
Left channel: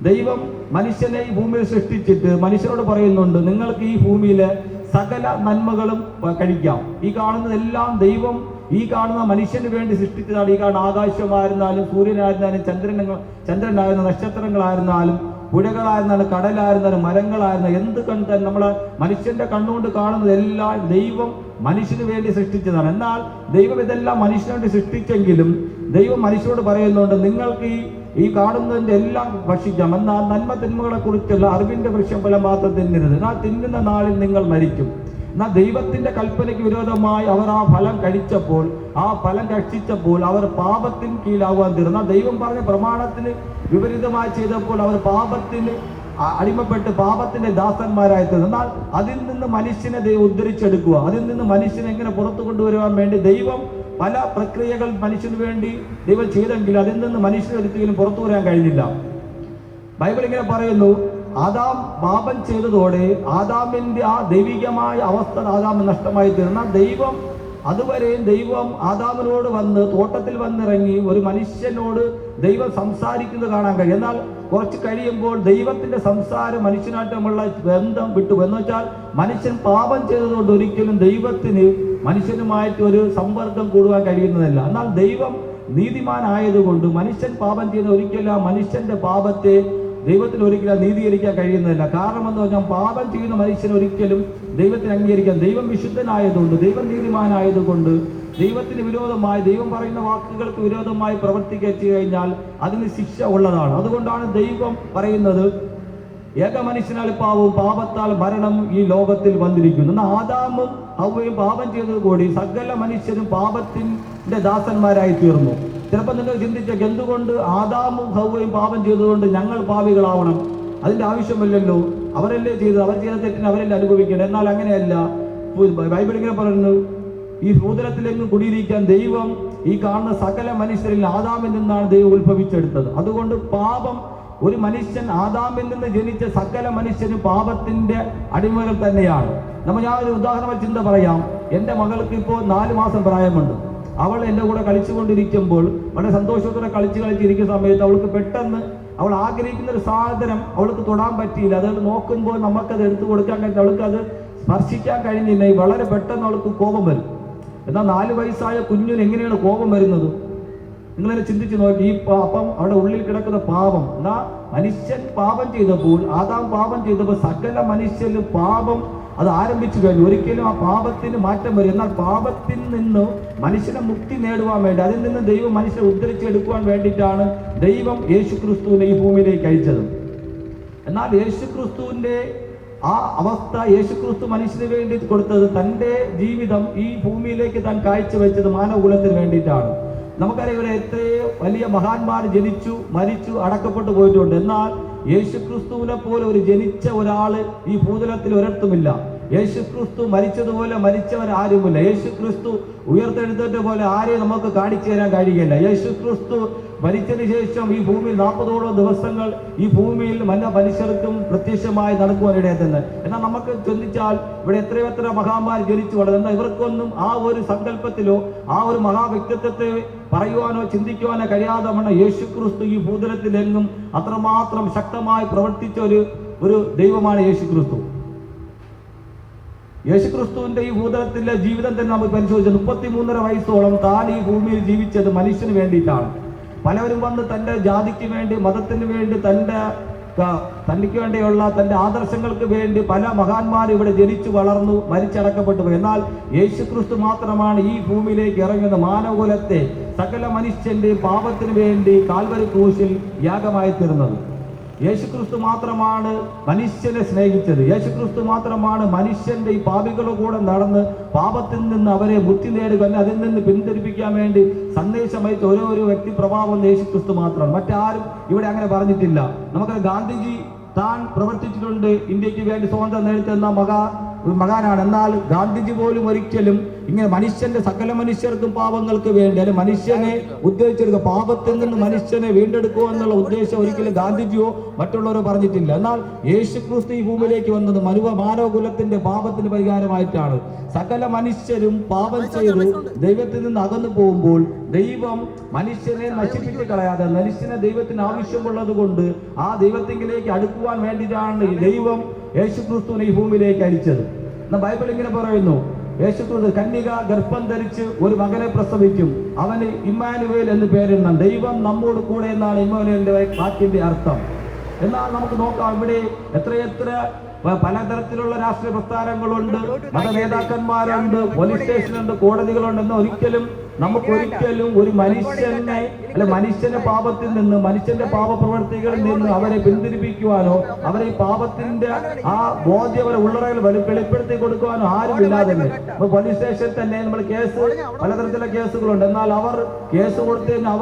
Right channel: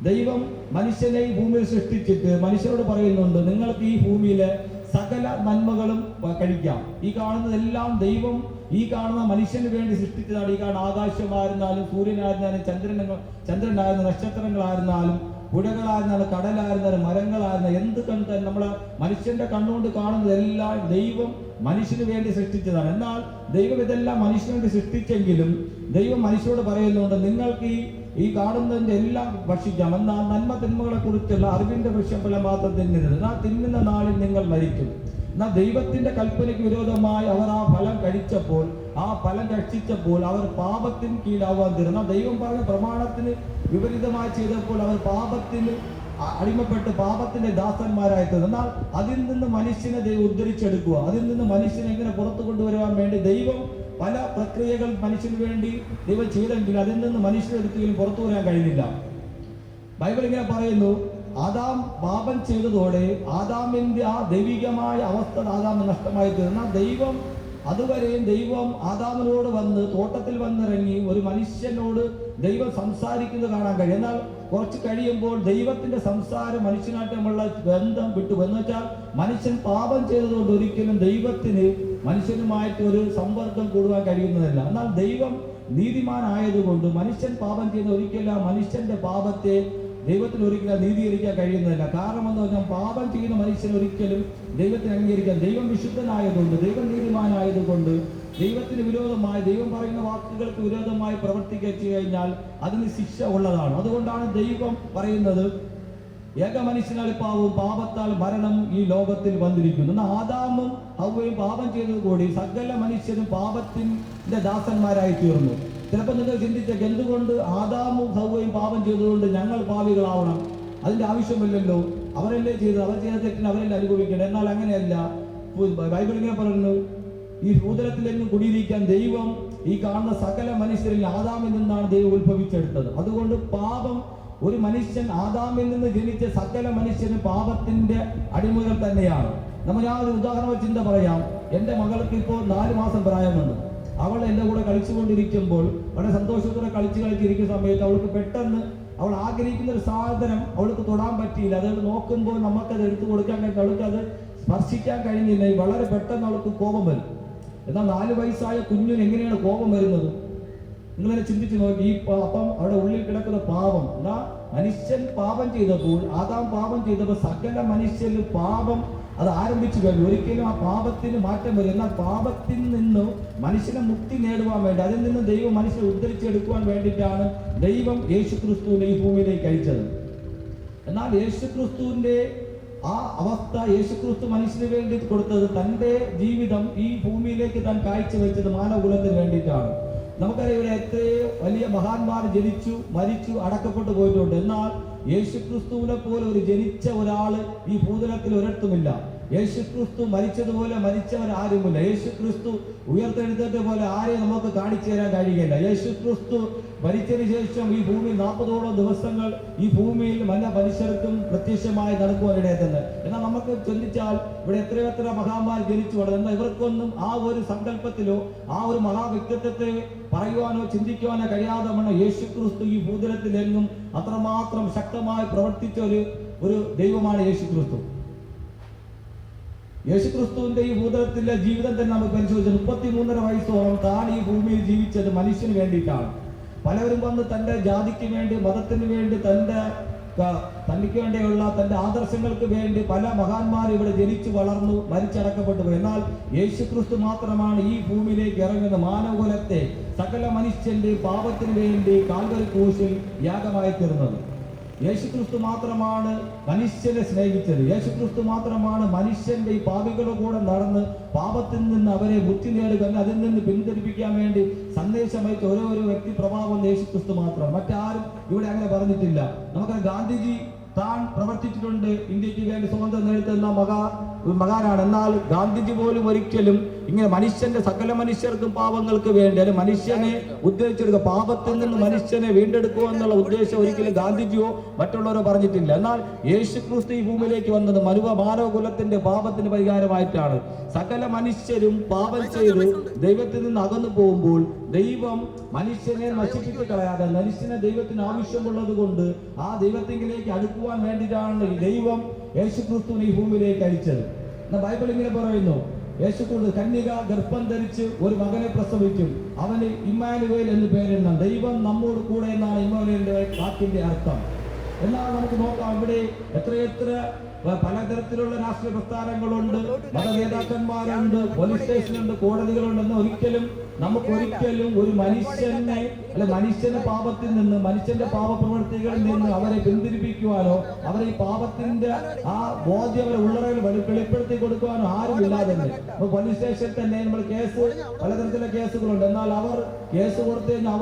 ദൈവം മനുഷ്യനെ ഈ ഭൂമിയിൽ സൃഷ്ടിച്ചിട്ട് മനുഷ്യരോട് പറയുന്നുണ്ട്, നിങ്ങൾക്ക് ഈ ഭൂമിയിലെ സകല നന്മകളും കഴിക്കാം. ഈ കാണുന്നതെല്ലാം ദൈവം ഈ കാണുന്ന മനുഷ്യന് വേണ്ടി സൃഷ്ടിച്ചതാണ്. ഈ കാണുന്ന ആകാശമായിരുന്നാലും സൂര്യനായിരുന്നാലും ചന്ദ്രനായിരുന്നാലും നക്ഷത്രങ്ങളായിരുന്നാലും പുഴകളായിരുന്നാലും കടലായിരുന്നാലും മരങ്ങളായിരുന്നാലും എന്ത് കണ്ടാൽ നമ്മളെ മനുഷ്യന്റെ കണ്ണുകൊണ്ട് കാണുന്നതെല്ലാം ദൈവം മനുഷ്യന് വേണ്ടി സൃഷ്ടിച്ചതാണ്. എന്നാൽ ദൈവം ഇതെല്ലാം മനുഷ്യന് വേണ്ടി സൃഷ്ടിച്ചെങ്കിലും ദൈവം മനുഷ്യരോട് പറയുന്നുണ്ട്, നിങ്ങൾക്ക് ഈ കാണുന്നതിന്റെ എല്ലാം ഭക്ഷിക്കാം, എന്നാൽ നന്മ തിന്മകളെ കുറിച്ചുള്ള അറിവിന്റെ വൃക്ഷഫലം മാത്രം തിന്നരുത്, എന്നാൽ തിന്നുന്ന നാളിൽ നിങ്ങൾ മരിക്കും. എന്നാൽ ദൈവത്തിന്റെ കൽപ്പനയ്ക്ക് വിരോധമായി അവർ ആ ഫലം കഴിച്ചപ്പോൾ, ആ ഫലം ഭക്ഷിച്ചപ്പോൾ അവർ പാപത്തിന് കീഴാവാൻ തീർന്നു. ദൈവം പറഞ്ഞ പ്രമാണത്തിന് വിപരീതമായി ചെയ്തപ്പോൾ അവർ പാപത്തിന് അടിമപ്പെട്ട് പാപത്തിന്റെ ദാസന്മാരായി തീർന്നു. എന്നാൽ അതിൽ നിന്ന് മനുഷ്യനെ ദൈവം ഉദ്ധരിച്ചെടുക്കുക, അതിൽ നിന്ന് മനുഷ്യനെ എങ്ങനെ പുറത്തു കൊണ്ടുവരുവാൻ വേണ്ടി ദൈവം പല പ്രക്രിയകൾ മനുഷ്യന് വേണ്ടി ദൈവം ചെയ്തെങ്കിലും അതിൽ നിന്ന് മനുഷ്യന് ഒരിക്കലും പുറത്തു വരാൻ കഴിഞ്ഞില്ല. ബൈബിൾ ഇങ്ങനെ പറയുന്നു, ആദാം പാപം ചെയ്തതോടെ ആദാമിന്റെ ആ ദൈവികമായ അവസ്ഥ ആദാമിന് നഷ്ടമായി തീർന്ന ദൈവം അതുവരെയും ദൈവം ആദാമിനോട് വന്ന് തോട്ടത്തിൽ വന്നിറങ്ങി ഒരു മനുഷ്യനോട് ദൈവം സംസാരിക്കുന്നത് കാണാൻ കഴിയും. എന്നാൽ കുറച്ച് കഴിയുമ്പോൾ ദൈവത്തിന്റെ സംസാരം മനുഷ്യനായിട്ടുമുള്ള ബന്ധം വിട്ടു. എന്ന് വെച്ചാൽ മനുഷ്യൻ പാപം ചെയ്തതുകൊണ്ട് ഒരിക്കലും ദൈവത്തിന് മനുഷ്യനുമായിട്ട് ഒരു സമ്പർക്കം കൂടുവാൻ കഴിയുന്നതല്ല. എന്നാൽ ദൈവം നീതിമാനായതുകൊണ്ട് മനുഷ്യൻ പാപം ചെയ്യുന്ന ഒരിക്കലും ആ മനുഷ്യന്റെ പാപത്തെ ദൈവത്തിന് ഒരിക്കലും നീതീകരിക്കാൻ കഴിയുന്നതല്ല. കാരണം എന്ന് പറഞ്ഞാൽ പാപം ചെയ്യുന്ന മനുഷ്യൻ ഒരിക്കലും ദൈവത്തിന് അംഗീകരിക്കാൻ, ദൈവം വിശുദ്ധനായതുകൊണ്ട് ദൈവം നീതിമാനായതുകൊണ്ട് ദൈവത്തിന് വിരോധമായി ദൈവം പറയുന്ന വാക്കുകൾക്ക് വിരോധമായി പ്രവർത്തിക്കുക കഴിഞ്ഞാൽ അതിന് ശിക്ഷ ഉള്ളതാണ്. അതുകൊണ്ടാണ് ദൈവം പറയുന്നത്, ഏക മനുഷ്യനാൽ പാവവും പാപത്താൽ മരണം ഈ ലോകത്തിൽ വന്നിരിക്കുന്നു. എന്നാൽ ആദാമും ഹവ്വയും പാപം ചെയ്തത് കൂടി സകല മനുഷ്യരും പാപത്തിന്റെ ദാസന്മാരായി തീർന്നു. ചിലപ്പോൾ നിങ്ങൾ ചിന്തിച്ചേക്ക്, എന്തുകൊണ്ട് ആദാമും ഹവ്വയും പാപം ചെയ്തുകൊണ്ട് ഞങ്ങൾ പാപികളാവണം? അതിന്റെ ആവശ്യമില്ലല്ലോ, അവരല്ലേ ചെയ്തത്, അവർ ചെയ്ത തെറ്റിന് അവരല്ലേ അനുഭവിക്കണം. എന്നാൽ അങ്ങനെയല്ല. ബൈബിൾ ഇങ്ങനെ പറയുന്നു, ഈ ഭൂതലത്തിലെങ്ങും കുടിയിരിക്കാൻ ദൈവം ഈ കാണുന്ന സകല മനുഷ്യരിൽ ആദാമിൽ നിന്നാണ് ദൈവം ഉത്ഭവിച്ചെടുത്തത്. അതുകൊണ്ട് പാപം ഒരു മനുഷ്യൻ ആദാമിൽ നിന്ന് ജനിച്ച സകല മനുഷ്യനും പാപത്തിന്റെ അടിമകൾ തന്നെയാണ്. ഞാനൊരു ഉദാഹരണ ചിന്ത പറയാം. എൻ്റെ മകൾക്ക് ഇപ്പോൾ 4 മാസം പ്രായമുണ്ട്. അവൾ എൻ്റെ കൂടെ കളിച്ചുകൊണ്ടിരിക്കുമ്പോൾ വളരെ സന്തോഷത്തോടെ കളിച്ചിരിക്കുന്ന സമയത്ത് അവൾക്ക് പെട്ടെന്ന് അവൾ ആഗ്രഹിക്കുന്ന ഒരു സാധനം അവൾക്ക് തൊടാൻ പറ്റിയില്ല. അതുകൊണ്ട് നോക്കുമ്പോൾ നമുക്കത് എടുത്തു കൊടുക്കാൻ കഴിഞ്ഞില്ല, അവൾക്കത് സ്പർശിക്കാൻ കഴിഞ്ഞില്ല. വളരെ പെട്ടെന്ന് അവൾക്ക് കോപം വരും. എന്നാൽ 4 വയസ്സായ കുഞ്ഞിന് എങ്ങനെയാണ് കോപം വരുന്നത്? നിങ്ങളെന്നെ ചിന്തിച്ചു നോക്കി. അപ്പം അവിടെ ഉള്ളിൽ കിടക്കുന്ന പാപം, എന്നാ മനുഷ്യൻ പാപം ചെയ്തപ്പോൾ, ആദാം പാപം ചെയ്തപ്പോൾ സകല മനുഷ്യന് പാപം അത് ആരംഭിച്ചു കഴിഞ്ഞു. ഒരിക്കലും ആ പാപത്തിന് മാറ്റം വരും. എന്നാൽ പാപത്തിൽ നിന്ന് മനുഷ്യനെ മുക്തി നേടുവാൻ വേണ്ടി, അതിൽ നിന്ന് ദൈവം മനുഷ്യനെ ഉദ്ധരിച്ചെടുക്കുവാൻ വേണ്ടിയിട്ടാണ് ദൈവം യേശുക്രിസ്തുവിനെ ഈ ഭൂമിയിലേക്ക് അയച്ചത്. എന്നാൽ യേശുക്രിസ്തുവിന്റെ ആ അവസ്ഥ, യേശുക്രിസ്തു മനുഷ്യന് വേണ്ടി കൊടുത്തത്, തൻ്റെ ജീവിതം ഈ ഭൂമിയിലേക്ക് താൻ കാഴ്ചവെച്ചത് മാനവകുലത്തിന് വേണ്ടിയിട്ടാണ്. നമുക്കറിയാം, ഇവിടെ എത്രയോ വലിയ മഹാന്മാർ ജനിച്ചു, മരിച്ചു, അടക്കപ്പെട്ടു പോയിട്ടുണ്ട്. എന്നാൽ യേശുക്രിസ്തുവിനെ പോലെ ഒരു ജനിച്ച ഒരാള് ഈ ഭൂതലത്തിൽ ഒരിടത്തുമില്ല. യേശുക്രിസ്തു മരിച്ചതുപോലെ മരിച്ചവരാരുമില്ല. യേശുക്രിസ്തു ഉയർത്തെഴുന്നേറ്റ പോലെ ആരെയും നമുക്ക് കാണിച്ചു തരാൻ കഴിയില്ല. യേശുക്രിസ്തു മരിച്ചതിന് ശേഷം ഈ ഭൂമിയിൽ 40ഓളം ദിവസങ്ങൾ ഈ ഭൂമിയിൽ മനുഷ്യർക്കും പ്രത്യക്ഷമായി നടക്കുവാനിടയായിരുന്നു. എന്നാൽ നമുക്ക് ചിന്തിച്ചാൽ ഇവിടെ എത്രയെത്ര മഹാന്മാർ ജനിച്ചു വളർന്നു. എന്നാൽ ഇവർക്കൊന്നും ആ ഒരു സങ്കല്പത്തിലോ ആ ഒരു മഹാവ്യക്തിത്വത്തെ പറയുവാനോ ചിന്തിക്കുവാനോ കഴിയാതെ യേശുക്രിസ്തു ഈ ഭൂതലത്തിലെങ്ങും അത്രമാത്രം ശക്തമായി പ്രവർത്തിച്ച ഒരു ദൈവമാണ് യേശുക്രിസ്തു. യേശുക്രിസ്തുവിന്റെ ഈ ഭൂതലത്തിലെ ജീവിതം തന്നെ നമുക്ക് പരിശോധിച്ചാൽ 33.5 വയസ്സോളം താൻ ഈ ഭൂമിയിൽ ജീവിച്ചത് മനുഷ്യന് വേണ്ടിയിട്ടാണ്. പലവരും വന്ന് തൻ്റെ ജാതിക്ക് വേണ്ടി, മതത്തിന് വേണ്ടി, തനിക്ക് വേണ്ടിയുള്ള തൻ്റെ ആദർശങ്ങൾക്ക് വേണ്ടി പല മഹാന്മാരും ഇവിടെ ജനിച്ചു വളർന്നു മരിച്ചടക്കപ്പെട്ടു പോയി. എന്നാൽ യേശുക്രിസ്തു മാത്രമാണ് ഈ ഭൂമിയിലേക്ക് ഇറങ്ങുന്ന മാനവകുലത്തെ സകല മനുഷ്യന്റെ പാപത്തിന് വേണ്ടി കാൽവരി ക്രൂശിൽ യാഗമായി തീർന്നത്. യേശുക്രിസ്തു മാത്രമാണ് മനുഷ്യനെ സ്നേഹിച്ചത്. യേശുക്രിസ്തു മാത്രമാണ് മനുഷ്യന്റെ ഈ പാപികളുടെ കൂടെ നടന്ന് പാപത്തിൽ നിന്ന് അവരെ മുക്തി നേടുക, അതിൽ നിന്ന് പിന്തിരിപ്പിക്കാൻ വേണ്ടി സന്ദേശമയച്ച ഓരോ വ്യക്തി പ്രഭാവം യേശുക്രിസ്തു മാത്രമാണ്. മറ്റാരും ഇവിടെ അങ്ങനെ പറഞ്ഞിട്ടില്ല. നമുക്ക് ഗാന്ധിജി താൻ പ്രവർത്തിച്ചിട്ടുണ്ട്, ഇന്ത്യക്ക് വേണ്ടി സ്വാതന്ത്ര്യം നേടുന്ന മകാനാണ്. എന്നാൽ ഗാന്ധിജി പോലും ഒരിക്കലും ഇങ്ങനെ മനുഷ്യന്റെ സകല മനുഷ്യർക്കും പാപങ്ങൾക്ക് വേണ്ടി, അല്ലെങ്കിൽ മനുഷ്യനെ ഉദ്ദേശിച്ചെടുക്കുക, പാപത്തിൽ നിന്ന് മനുഷ്യനെ വീണ്ടെടുക്കുക എന്നുള്ള ഉദ്ദേശം ഒരിക്കലും ഗാന്ധിജിയോ മറ്റുള്ളവരോ പറഞ്ഞിട്ടില്ല. എന്നാൽ യേശുക്രിസ്തു ഈ ഭൂമിയിലേക്ക് വന്നത് മാനവകുലത്തിന്റെ പാപത്തിന് പരിഹാരമായിട്ടാണ്. സകല മനുഷ്യരും പാപം ചെയ്ത് ദൈവത്തിൽ നിന്ന് അകന്നു പോകുമ്പോൾ ദൈവം മനുഷ്യനെ നശിപ്പിച്ച് കളയാതെ മനുഷ്യനെ ദൈവത്തിന് ആവശ്യമുള്ളത് കൊണ്ട് ആ ദൈവത്തിലേക്ക് അടുക്കുവാൻ വേണ്ടിയിട്ടാണ് ദൈവം യേശുക്രിസ്തുവിനെ ഈ ഭൂമിയിലേക്ക് അയച്ചത്. ബൈബിൾ ഇങ്ങനെ പറയുന്നു, യേശുക്രിസ്തു കന്യക ഗർഭം ധരിച്ച് ഒരു മകനെ പ്രസവിക്കും, അവന് ഇമ്മാനുവേൽ എന്ന് പേരിടണം. ദൈവം നമ്മോട് കൂടെ എന്നാണ് ഇമ്മാനുവേലിന്റെ വാക്കിന്റെ അർത്ഥം. എന്നാൽ നമുക്ക് നോക്കാം, ഇവിടെ എത്രയെത്ര പലതരത്തിലുള്ള രാഷ്ട്രീയ പ്രസ്ഥാനങ്ങളുണ്ട്, മത നേതാക്കന്മാരുണ്ട്, പോലീസ് സ്റ്റേഷനുണ്ട്, കോടതികളുണ്ട്. എന്നാൽ നമുക്കൊരിക്കലും ഒരു മനുഷ്യനെ മനുഷ്യന്റെ പാപത്തിൽ നിന്ന്, മനുഷ്യന്റെ പാപപ്രവർത്തികളിൽ നിന്ന് അവരെ പിന്തിരിപ്പിക്കുവാനോ അവരെ പാപത്തിന്റെ ആ ബോധ്യം അവരെ ഉള്ളറയിൽ വെളിപ്പെടുത്തി കൊടുക്കുവാനോ ആരുമില്ലാതെ പോലീസ് സ്റ്റേഷനിൽ തന്നെ നമ്മൾ പലതരത്തിലുള്ള കേസുകളുണ്ട്. എന്നാൽ അവർ കേസ് കൊടുത്തതിന്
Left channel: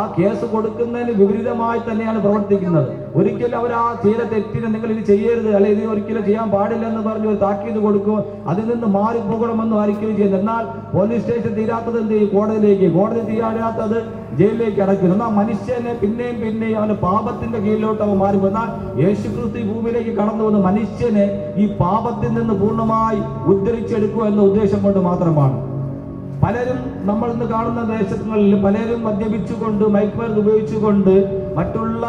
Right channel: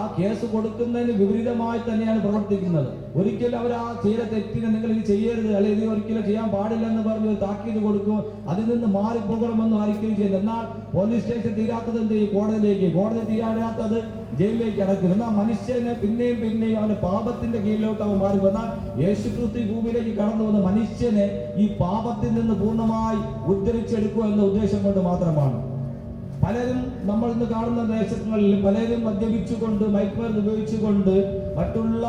ആ കേസ് കൊടുക്കുന്നതിന് വിപരീതമായി തന്നെയാണ് പ്രവർത്തിക്കുന്നത്. ഒരിക്കലും അവർ ആ ചെയ്ത തെറ്റിനെ നിങ്ങൾ ഇത് ചെയ്യരുത്, അല്ലെങ്കിൽ ഇത് ഒരിക്കലും ചെയ്യാൻ പാടില്ല എന്ന് പറഞ്ഞ് ഒരു താക്കീത് കൊടുക്കുക, അതിൽ നിന്ന് മാറിപ്പോകണമെന്നും ഒരിക്കലും ചെയ്യുന്നത്. എന്നാൽ പോലീസ് സ്റ്റേഷൻ തീരാത്തത് എന്ത് ചെയ്യും? കോടതിയിലേക്ക്, കോടതി തീരാത്തത് ജയിലിലേക്ക് അടയ്ക്കുന്നു. എന്നാൽ മനുഷ്യനെ പിന്നെയും അവന്റെ പാപത്തിന്റെ കീഴിലോട്ട് അവൻ മാറിപ്പോ. എന്നാൽ യേശുക്രിസ്തു ഈ ഭൂമിയിലേക്ക് കടന്നു വന്ന് മനുഷ്യനെ ഈ പാപത്തിൽ നിന്ന് പൂർണ്ണമായി ഉദ്ധരിച്ചെടുക്കുക എന്ന ഉദ്ദേശം കൊണ്ട് മാത്രമാണ്. പലരും നമ്മൾ ഇന്ന് കാണുന്ന ദേശങ്ങളിൽ പലരും മദ്യപിച്ചുകൊണ്ട്, മയക്കുമരുന്ന് ഉപയോഗിച്ചുകൊണ്ട് മറ്റുള്ള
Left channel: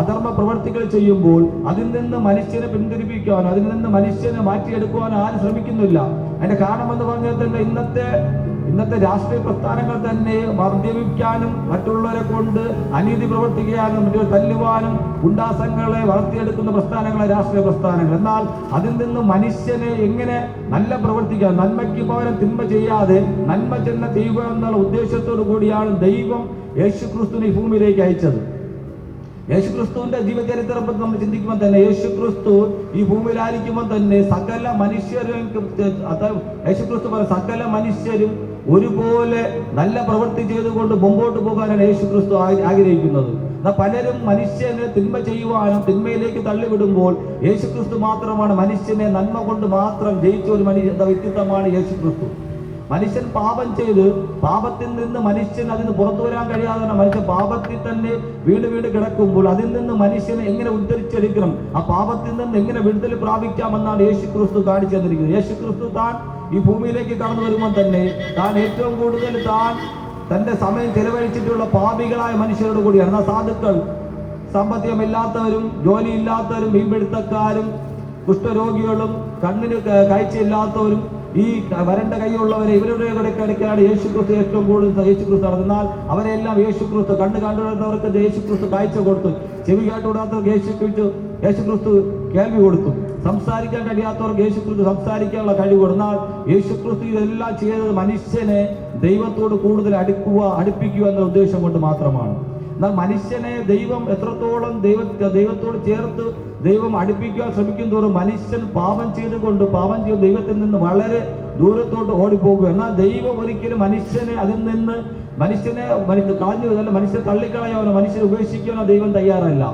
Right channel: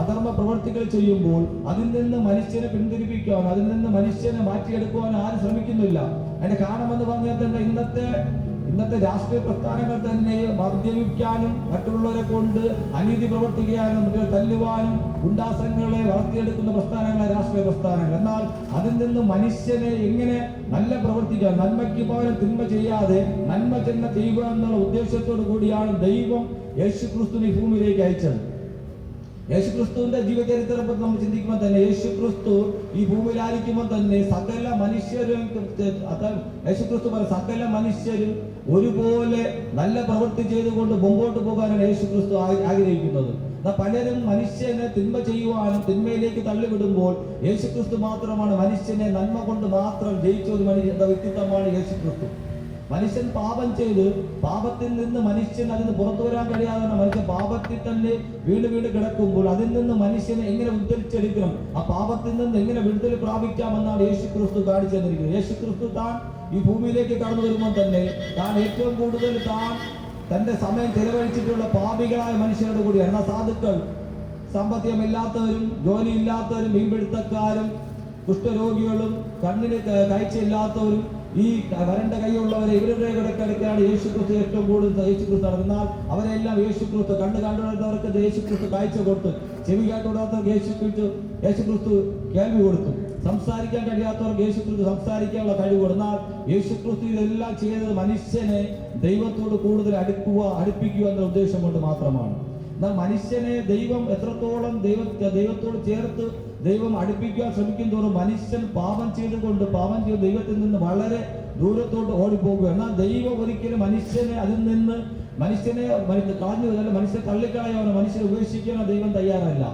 അധർമ്മ പ്രവർത്തികൾ ചെയ്യുമ്പോൾ അതിൽ നിന്ന് മനുഷ്യനെ പിന്തിരിപ്പിക്കുവാനോ അതിൽ നിന്ന് മനുഷ്യനെ മാറ്റിയെടുക്കുവാനോ ആരും ശ്രമിക്കുന്നില്ല. അതിന്റെ കാരണമെന്ന് പറഞ്ഞാൽ തന്നെ ഇന്നത്തെ രാഷ്ട്രീയ പ്രസ്ഥാനങ്ങൾ തന്നെ മദ്യപിക്കാനും മറ്റുള്ളവരെ കൊണ്ട് അനീതി പ്രവർത്തിക്കാനും തല്ലുവാനും ഗുണ്ടാസംഘങ്ങളെ വളർത്തിയെടുക്കുന്ന പ്രസ്ഥാനങ്ങളെ രാഷ്ട്രീയ പ്രസ്ഥാനങ്ങൾ. എന്നാൽ അതിൽ നിന്ന് മനുഷ്യനെ എങ്ങനെ നല്ല പ്രവർത്തിക്കാൻ, നന്മയ്ക്ക് പകരം തിന്മ ചെയ്യാതെ നന്മ ചെന്ന ചെയ്യുക എന്നുള്ള ഉദ്ദേശത്തോടു കൂടിയാണ് ദൈവം യേശുക്രിസ്തുവിനെ ഈ ഭൂമിയിലേക്ക് അയച്ചത്. യേശുക്രിസ്തുവിന്റെ ജീവചരിത്രം പറ്റി നമ്മൾ ചിന്തിക്കുമ്പോൾ തന്നെ യേശുക്രിസ്തു ഈ ഭൂമിയിലായിരിക്കുമ്പോൾ തന്നെ സകല മനുഷ്യരും ഒരുപോലെ നല്ല പ്രവൃത്തി ചെയ്തുകൊണ്ട് മുമ്പോട്ട് പോകാനാണ് യേശുക്രിസ്തു ആഗ്രഹിക്കുന്നത്. പലരും മനുഷ്യനെ തിന്മ ചെയ്യുവാനും തിന്മയിലേക്ക് തള്ളിവിടുമ്പോൾ യേശുക്രിസ്തു മാത്രമാണ് മനുഷ്യനെ നന്മ കൊണ്ട് മാത്രം ജയിച്ച ഒരു വ്യക്തിത്വമാണ് യേശുക്രിസ്തു. മനുഷ്യൻ പാപം ചെയ്ത് പാപത്തിൽ നിന്ന് മനുഷ്യൻ അതിന് പുറത്തു വരാൻ കഴിയാതെ മനുഷ്യൻ പാപത്തിൽ തന്നെ വീണ് കിടക്കുമ്പോൾ അതിൽ നിന്ന് മനുഷ്യനെ എങ്ങനെ ഉദ്ധരിച്ചെടുക്കണം, ആ പാപത്തിൽ നിന്ന് എങ്ങനെ വിടുതൽ പ്രാപിക്കാമെന്നാണ് യേശുക്രിസ്തു കാണിച്ചു തന്നിരിക്കുന്നത്. യേശുക്രിസ്തു താൻ ഈ ഭൂമിയിലേക്ക് കടന്നു വരുമ്പോൾ തന്നെ താൻ ഏറ്റവും കൂടുതൽ തന്റെ സമയം ചെലവഴിച്ചിട്ടുള്ള പാപികളായ മനുഷ്യരോട് കൂടിയാണ്. സാധുക്കൾ സാമ്പത്തികമില്ലാത്തവരും ജോലിയില്ലാത്തവരും മീൻപിടുത്തക്കാരും കുഷ്ഠരോഗികളും കണ്ണിന് കാഴ്ചയില്ലാത്തവരും ഈ വരണ്ട കൈയുള്ളവരെ ഇവരുടെ ഇടയ്ക്കിടയ്ക്കാണ് യേശുക്രിസ്തു ഏറ്റവും കൂടുതൽ യേശുക്രിസ്തു നടന്നാൽ അവരെല്ലാം യേശുക്രിസ്തു കണ്ണ് കണ്ടുവിടുന്നവർക്ക് യേശുക്രിസ്തു കാഴ്ച കൊടുത്തു, ചെവി കേട്ടുവിടാത്തവർക്ക് യേശുക്രിസ്തു കേൾവി കൊടുത്തു, സംസാരിക്കാൻ കഴിയാത്തവർക്ക് യേശുക്രിസ്തു സംസാരിക്കാനുള്ള കഴിവ് കൊടുന്നാൽ യേശുക്രിസ്തു ഇതെല്ലാം ചെയ്തത് മനുഷ്യനെ ദൈവത്തോട് കൂടുതൽ അടുപ്പിക്കുക എന്ന ഉദ്ദേശം കൊണ്ട് മാത്രമാണ്. എന്നാൽ മനുഷ്യനെ ദൈവം എത്രത്തോളം ദൈവത്തോട് ചേർത്ത് ദൈവം അടുപ്പിക്കാൻ ശ്രമിക്കും തോറും മനുഷ്യൻ പാപം ചെയ്ത് ദൈവത്തിൽ നിന്ന് വളരെ ദൂരത്തോട്ട് ഓടിപ്പോകുക. എന്നാൽ ദൈവം ഒരിക്കലും മനുഷ്യനെ അതിൽ നിന്ന് കളഞ്ഞതല്ല, മനുഷ്യനെ തള്ളിക്കളയാനോ മനുഷ്യനെ ഉപേക്ഷിക്കാനോ ദൈവം തയ്യാറല്ല.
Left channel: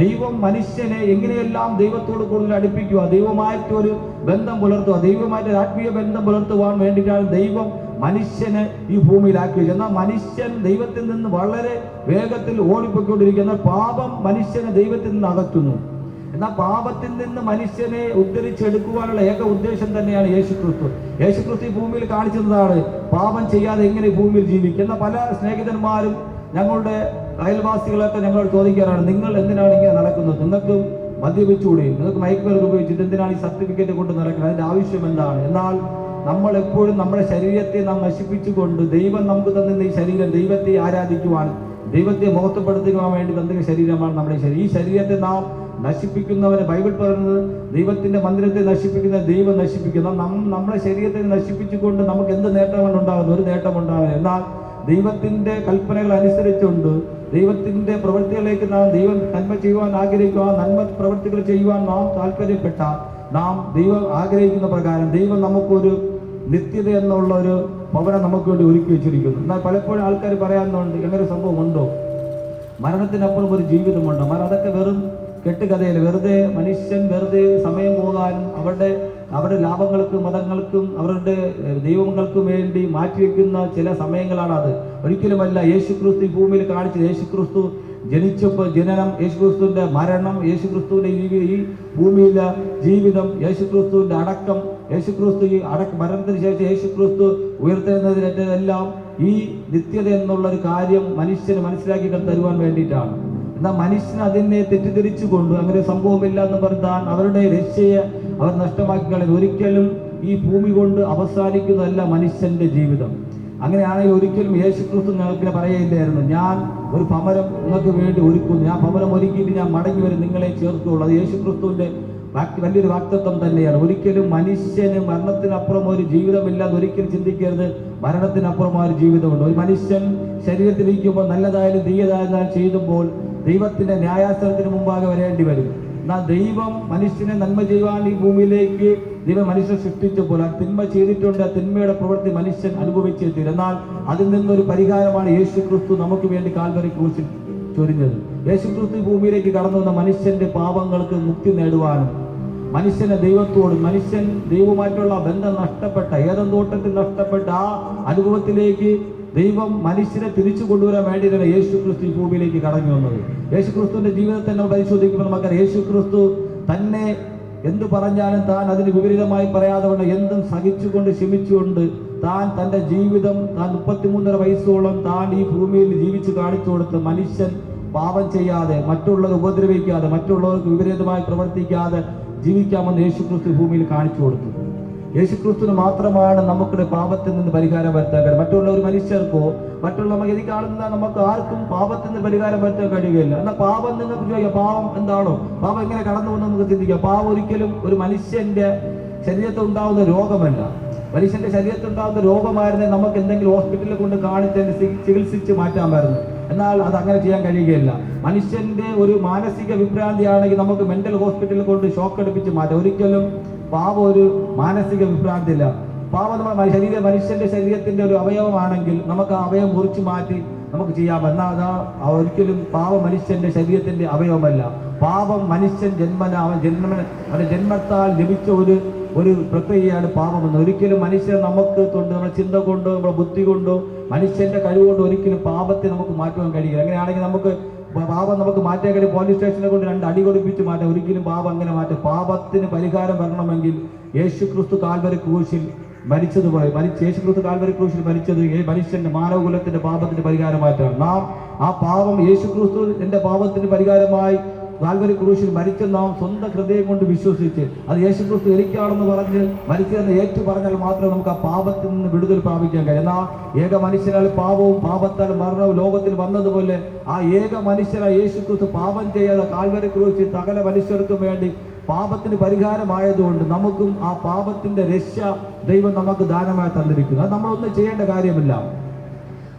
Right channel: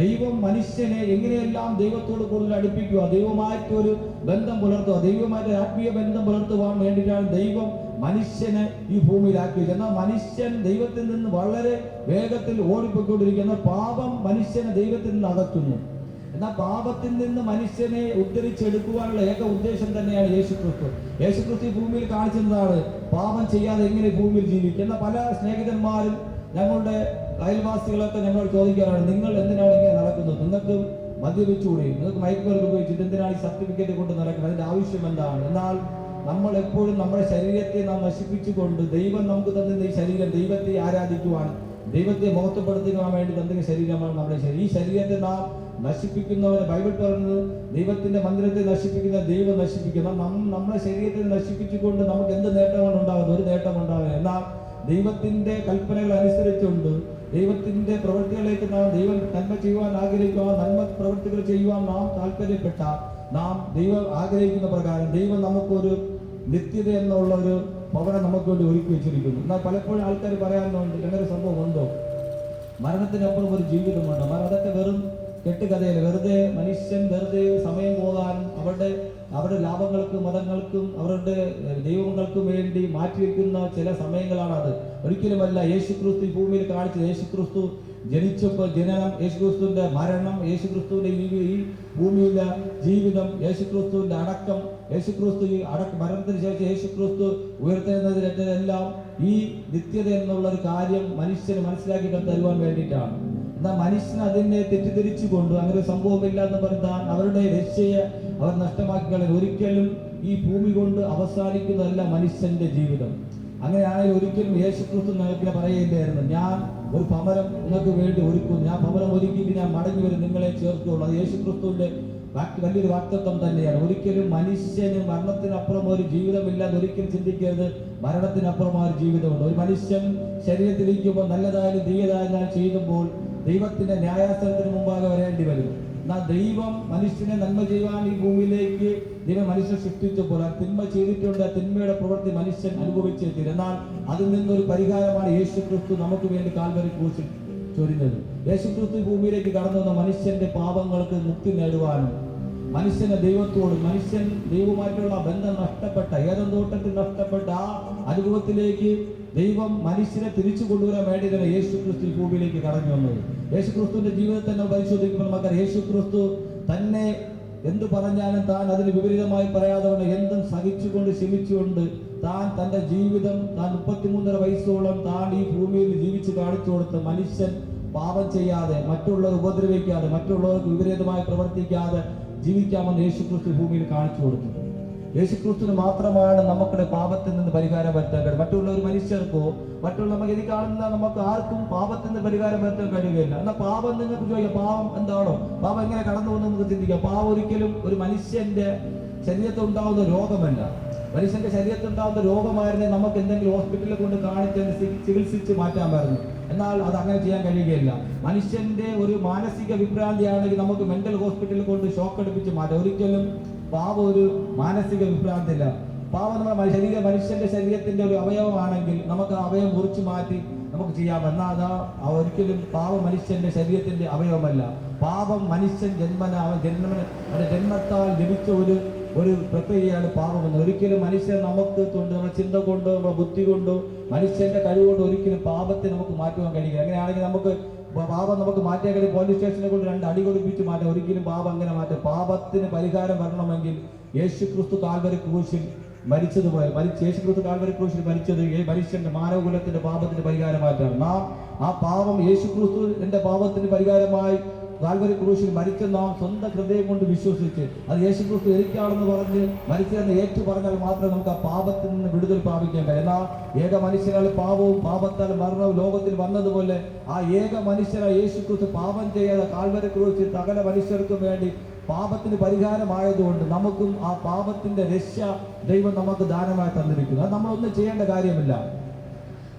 ദൈവം മനുഷ്യനെ എങ്ങനെയെല്ലാം ദൈവത്തോട് കൂടുതൽ അടുപ്പിക്കുക, ദൈവമായിട്ട് ഒരു ബന്ധം പുലർത്തുക, ദൈവമായിട്ട് ഒരു ആത്മീയ ബന്ധം പുലർത്തുവാൻ വേണ്ടിയിട്ടാണ് ദൈവം മനുഷ്യനെ ഈ ഭൂമിയിലാക്കിയത്. എന്നാൽ മനുഷ്യൻ ദൈവത്തിൽ നിന്ന് വളരെ വേഗത്തിൽ ഓടിപ്പോയിക്കൊണ്ടിരിക്കുന്ന പാപം മനുഷ്യനെ ദൈവത്തിൽ നിന്ന് അകറ്റുന്നു. എന്നാൽ പാപത്തിൽ നിന്ന് മനുഷ്യനെ ഉദ്ധരിച്ചെടുക്കുവാനുള്ള ഏക ഉദ്ദേശം തന്നെയാണ് യേശുക്രിസ്തു. യേശുക്രിസ്തു ഈ ഭൂമിയിൽ കാണിച്ചതാണ് പാപം ചെയ്യാതെ എങ്ങനെ ഭൂമിയിൽ ജീവിക്കുന്ന. പല സ്നേഹിതന്മാരും ഞങ്ങളുടെ അയൽവാസികളൊക്കെ ഞങ്ങളോട് ചോദിക്കാറാണ്, നിങ്ങൾ എന്തിനാണ് ഇങ്ങനെ നടക്കുന്നത്? നിങ്ങൾക്ക് മദ്യപിച്ചുകൂടി, നിങ്ങൾക്ക് മയക്കുമരുന്ന് ഉപയോഗിച്ചിട്ട് എന്തിനാണ് ഈ സർട്ടിഫിക്കറ്റ് കൊണ്ട് നടക്കുന്നത്? അതിന്റെ ആവശ്യം എന്താണ്? എന്നാൽ നമ്മൾ എപ്പോഴും നമ്മുടെ ശരീരത്തെ നാം നശിപ്പിച്ചുകൊണ്ട് ദൈവം നമുക്ക് തന്ന ഈ ശരീരം ദൈവത്തെ ആരാധിക്കുവാൻ, ദൈവത്തെ മഹത്വപ്പെടുത്തുവാൻ വേണ്ടി തന്ന ശരീരമാണ് നമ്മുടെ ശരീരം. ഈ ശരീരത്തെ നാം നശിപ്പിക്കുന്നവരെ ബൈബിൾ പറയുന്നത് ദൈവത്തിന്റെ മന്ദിരത്തെ നശിപ്പിക്കുന്ന ദൈവം നശിപ്പിക്കുന്ന നമ്മുടെ ശരീരത്തെ നശിപ്പിച്ചുകൊണ്ട് നമുക്ക് എന്ത് നേട്ടമാണ് ഉണ്ടാകുന്നത്? ഒരു നേട്ടം ഉണ്ടാകുന്നത്. എന്നാൽ ദൈവത്തിന്റെ കൽപ്പനകൾ അനുസരിച്ചുകൊണ്ട് ദൈവത്തിന്റെ പ്രവൃത്തികളിലേക്ക് ദൈവം നന്മ ചെയ്യുവാൻ ആഗ്രഹിക്കുക, നന്മ പ്രവൃത്തികൾ ചെയ്യുവാൻ നാം താല്പര്യപ്പെട്ടാൽ നാം ദൈവം ആഗ്രഹിക്കുന്ന പ്രകാരം ദൈവം നമുക്കൊരു നിത്യത എന്നുള്ള ഒരു ഭവനം നമുക്ക് വേണ്ടി ഒരുക്കി വെച്ചിരിക്കുന്നു. എന്നാൽ പലപ്പോഴും ആൾക്കാർ പറയാറുണ്ട്, ഇങ്ങനെ സംഭവം ഉണ്ടോ? മരണത്തിനപ്പുറം ഒരു ജീവിതമുണ്ടോ? അതൊക്കെ വെറും കെട്ടുകഥയിൽ വെറുതെ മനുഷ്യൻ വെറുതെ സമയം പോകാനും അവരുടെ ലാഭങ്ങൾക്കും മതങ്ങൾക്കും അവരുടെ ദൈവങ്ങൾക്കും വേണ്ടി മാറ്റിവെക്കുന്ന ചില സമയങ്ങളാണ് അത്. ഒരിക്കലുമല്ല. യേശുക്രിസ്തു ഭൂമിയിൽ കാണിച്ച യേശുക്രിസ്തു ജനിച്ചപ്പോൾ ജനനം, യേശുക്രിസ്തുവിന്റെ മരണം, യേശുക്രിസ്തുവിന്റെ ഈ ഭൂമിയിലെ ജീവിതം, യേശുക്രിസ്തുവിന്റെ അടക്കം, യേശുക്രിസ്തു ഈ മരണത്തിന് ശേഷം യേശുക്രിസ്തു ഉയർത്തുന്നതിനെല്ലാം ഈ നിത്യത എന്നുള്ളൊരു കാര്യം മനുഷ്യന് മനസ്സിലാക്കി തരുവാൻ വേണ്ടിയിട്ടാണ്. എന്നാൽ മനുഷ്യൻ അതിനെ തെറ്റിദ്ധരിച്ചുകൊണ്ട് അങ്ങനെ സംഭവമില്ല എന്ന് പറഞ്ഞാൽ അവരുടെ രക്ഷയെ അവർ നഷ്ടമാക്കി കളയുന്നു. ഒരിക്കലും ഈ ഭൂമി കൊണ്ട് അവസാനിക്കുന്നതല്ല മനുഷ്യന്റെ ജീവിതം. അങ്ങനെയാണെങ്കിൽ ഒരിക്കലും യേശുക്രിസ്തു ഞങ്ങൾക്ക് പറയില്ലായിരുന്നു, ഞാൻ ഒരു ഭവനം നിങ്ങൾക്ക് വേണ്ടി ഒരുക്കുന്നു, ഞാൻ ഭവനം ഒരുക്കിയിട്ട് ഞാൻ മടങ്ങി വരും, നിങ്ങളെ ചേർത്തുള്ളൂ. അത് യേശുക്രിസ്തുവിന്റെ വലിയൊരു വാക്തത്വം തന്നെയാണ്. ഒരിക്കലും മനുഷ്യന് മരണത്തിനപ്പുറം ഒരു ജീവിതമില്ലാതെ ഒരിക്കലും ചിന്തിക്കരുത്. മരണത്തിനപ്പുറം ഒരു ജീവിതമുണ്ട്. ഒരു മനുഷ്യൻ ശരീരത്തിലിരിക്കുമ്പോൾ നല്ലതായാലും തീയതായാലും ചെയ്യുമ്പോൾ ദൈവത്തിന്റെ ന്യായാസനത്തിന് മുമ്പാകെ വരേണ്ടി വരും. എന്നാൽ ദൈവം മനുഷ്യനെ നന്മ ചെയ്യുവാൻ ഈ ഭൂമിയിലേക്ക് ദൈവം മനുഷ്യനെ സൃഷ്ടിച്ചപ്പോൾ തിന്മ ചെയ്തിട്ടുണ്ട്, തിന്മയുടെ പ്രവൃത്തി മനുഷ്യൻ അനുഭവിച്ചിട്ടില്ല. എന്നാൽ അതിൽ നിന്നൊരു പരിഹാരമാണ് യേശുക്രിസ്തു നമുക്ക് വേണ്ടി കാൽവരി ക്രൂശിൽ ചൊരിഞ്ഞത്. യേശുക്രിസ്തു ഭൂമിയിലേക്ക് കടന്നു വന്ന മനുഷ്യന്റെ പാപങ്ങൾക്ക് മുക്തി നേടുവാനും മനുഷ്യനെ ദൈവത്തോടും മനുഷ്യൻ ദൈവവുമായിട്ടുള്ള ബന്ധം നഷ്ടപ്പെട്ട ഏദൻ തോട്ടത്തിൽ നഷ്ടപ്പെട്ട ആ അനുഭവത്തിലേക്ക് ദൈവം മനുഷ്യനെ തിരിച്ചു കൊണ്ടുവരാൻ വേണ്ടിയിട്ടാണ് യേശുക്രിസ്തു ഈ ഭൂമിയിലേക്ക് കടന്നു വന്നത്. യേശുക്രിസ്തുവിന്റെ ജീവിതത്തെ നമ്മൾ പരിശോധിക്കുമ്പോൾ നമുക്കറിയാം, യേശുക്രിസ്തു തന്നെ എന്ത് പറഞ്ഞാലും താൻ അതിന് വിപരീതമായി പറയാതെ കൊണ്ട് എന്തും സഹിച്ചുകൊണ്ട് ക്ഷമിച്ചുകൊണ്ട് തന്റെ ജീവിതം 33.5 വയസ്സോളം താൻ ഈ ഭൂമിയിൽ ജീവിച്ചു കാണിച്ചു കൊടുത്ത് മനുഷ്യൻ പാപം ചെയ്യാതെ, മറ്റുള്ളവർ ഉപദ്രവിക്കാതെ, മറ്റുള്ളവർക്ക് വിപരീതമായി പ്രവർത്തിക്കാതെ ജീവിക്കാമെന്ന് യേശുക്രിസ്തു ഭൂമിയിൽ കാണിച്ചു കൊടുത്തു. യേശുക്രിസ്തുവിന് മാത്രമാണ് നമുക്കുടെ പാപത്തിൽ നിന്ന് പരിഹാരം വരുത്താൻ കഴിയും. മറ്റുള്ള ഒരു മനുഷ്യർക്കോ മറ്റുള്ള ഇത് കാണുന്ന നമുക്ക് ആർക്കും പാപത്തിൽ നിന്ന് പരിഹാരം വരുത്താൻ കഴിയുകയില്ല. എന്നാൽ പാപം നിങ്ങൾക്ക് ചോദിക്കാം, പാപം എന്താണോ? പാപം എങ്ങനെ കടന്നു പോകുന്ന നമുക്ക് ചിന്തിക്കാം. പാപം ഒരിക്കലും ഒരു മനുഷ്യന്റെ ശരീരത്തിൽ ഉണ്ടാകുന്ന രോഗമല്ല. മനുഷ്യന്റെ ശരീരത്തിൽ ഉണ്ടാകുന്ന രോഗമായിരുന്നെങ്കിൽ നമുക്ക് എന്തെങ്കിലും ഹോസ്പിറ്റലിൽ കൊണ്ട് കാണിച്ച് ചികിത്സിച്ച് മാറ്റാമായിരുന്നു. എന്നാൽ അത് അങ്ങനെ ചെയ്യാൻ കഴിയുകയില്ല. മനുഷ്യന്റെ ഒരു മാനസിക വിഭ്രാന്തിയാണെങ്കിൽ നമുക്ക് മെന്റൽ ഹോസ്പിറ്റലിൽ കൊണ്ട് ഷോക്ക് അടുപ്പിച്ച് മാറ്റാം. ഒരിക്കലും പാപം ഒരു മാനസിക വിഭ്രാന്തിയില്ല. പാപം മനുഷ്യന്റെ ശരീരത്തിന്റെ ഒരു അവയവമാണെങ്കിൽ നമുക്ക് ആ അവയവം മുറിച്ചു മാറ്റി നമുക്ക് ചെയ്യാം. എന്നാൽ ഒരിക്കലും പാപം മനുഷ്യന്റെ ശരീരത്തിന്റെ അവയവമല്ല. പാപം മനുഷ്യൻ അവന്റെ ജന്മത്താൽ ലഭിച്ച ഒരു പ്രക്രിയയാണ് പാപമെന്ന്. ഒരിക്കലും മനുഷ്യൻ നമുക്ക് കൊണ്ട് നമ്മുടെ ചിന്ത കൊണ്ടോ നമ്മുടെ ബുദ്ധി കൊണ്ടോ മനുഷ്യന്റെ കഴിവുകൊണ്ടോ ഒരിക്കലും പാപത്തെ നമുക്ക് മാറ്റുവാൻ കഴിയില്ല. അങ്ങനെയാണെങ്കിൽ നമുക്ക് പാപം നമുക്ക് മാറ്റാൻ കഴിയും. പോലീസ് സ്റ്റേഷനെ കൊണ്ട് 2 അടി കൊടുപ്പിച്ച് മാറ്റാം. ഒരിക്കലും പാപം അങ്ങനെ മാറ്റാം. പാപത്തിന് പരിഹാരം വരണമെങ്കിൽ യേശുക്രിസ്തു കാൽവരി ക്രൂശിൽ യേശുക്രിസ്തു കാൽവരി ക്രൂശിൽ മരിച്ചത് മനുഷ്യന്റെ മാനവകുലത്തിന്റെ പാപത്തിന്റെ പരിഹാരം മാറ്റാണ്. നാം ആ പാപം യേശുക്രിസ്തു എന്റെ പാപത്തിന് പരിഹാരമായി കാൽവരി ക്രൂശിൽ മരിച്ച നാം സ്വന്തം ഹൃദയം കൊണ്ട് വിശ്വസിച്ച് അത് യേശുക്രിസ്തു എനിക്കാണെന്ന് പറഞ്ഞ് മരിച്ചതെന്ന് ഏറ്റു പറഞ്ഞാൽ മാത്രമേ നമുക്ക് ആ പാപത്തിൽ നിന്ന് വിടുതൽ പ്രാപിക്കാൻ കഴിയും. എന്നാൽ ഏക മനുഷ്യനാൽ പാപവും പാപത്താൽ മരണവും ലോകത്തിൽ വന്നതുപോലെ ആ ഏക മനുഷ്യനായ യേശുക്രിസ്തു പാപം ചെയ്യാതെ കാൽവരി ക്രൂശിൽ സകല മനുഷ്യർക്കും വേണ്ടി പാപത്തിന് പരിഹാരമായതുകൊണ്ട് നമുക്കും ആ പാപത്തിന്റെ രക്ഷ ദൈവം നമുക്ക് ദാനമായി തന്നിരിക്കുന്നു. അത് നമ്മളൊന്നും ചെയ്യേണ്ട കാര്യമില്ല.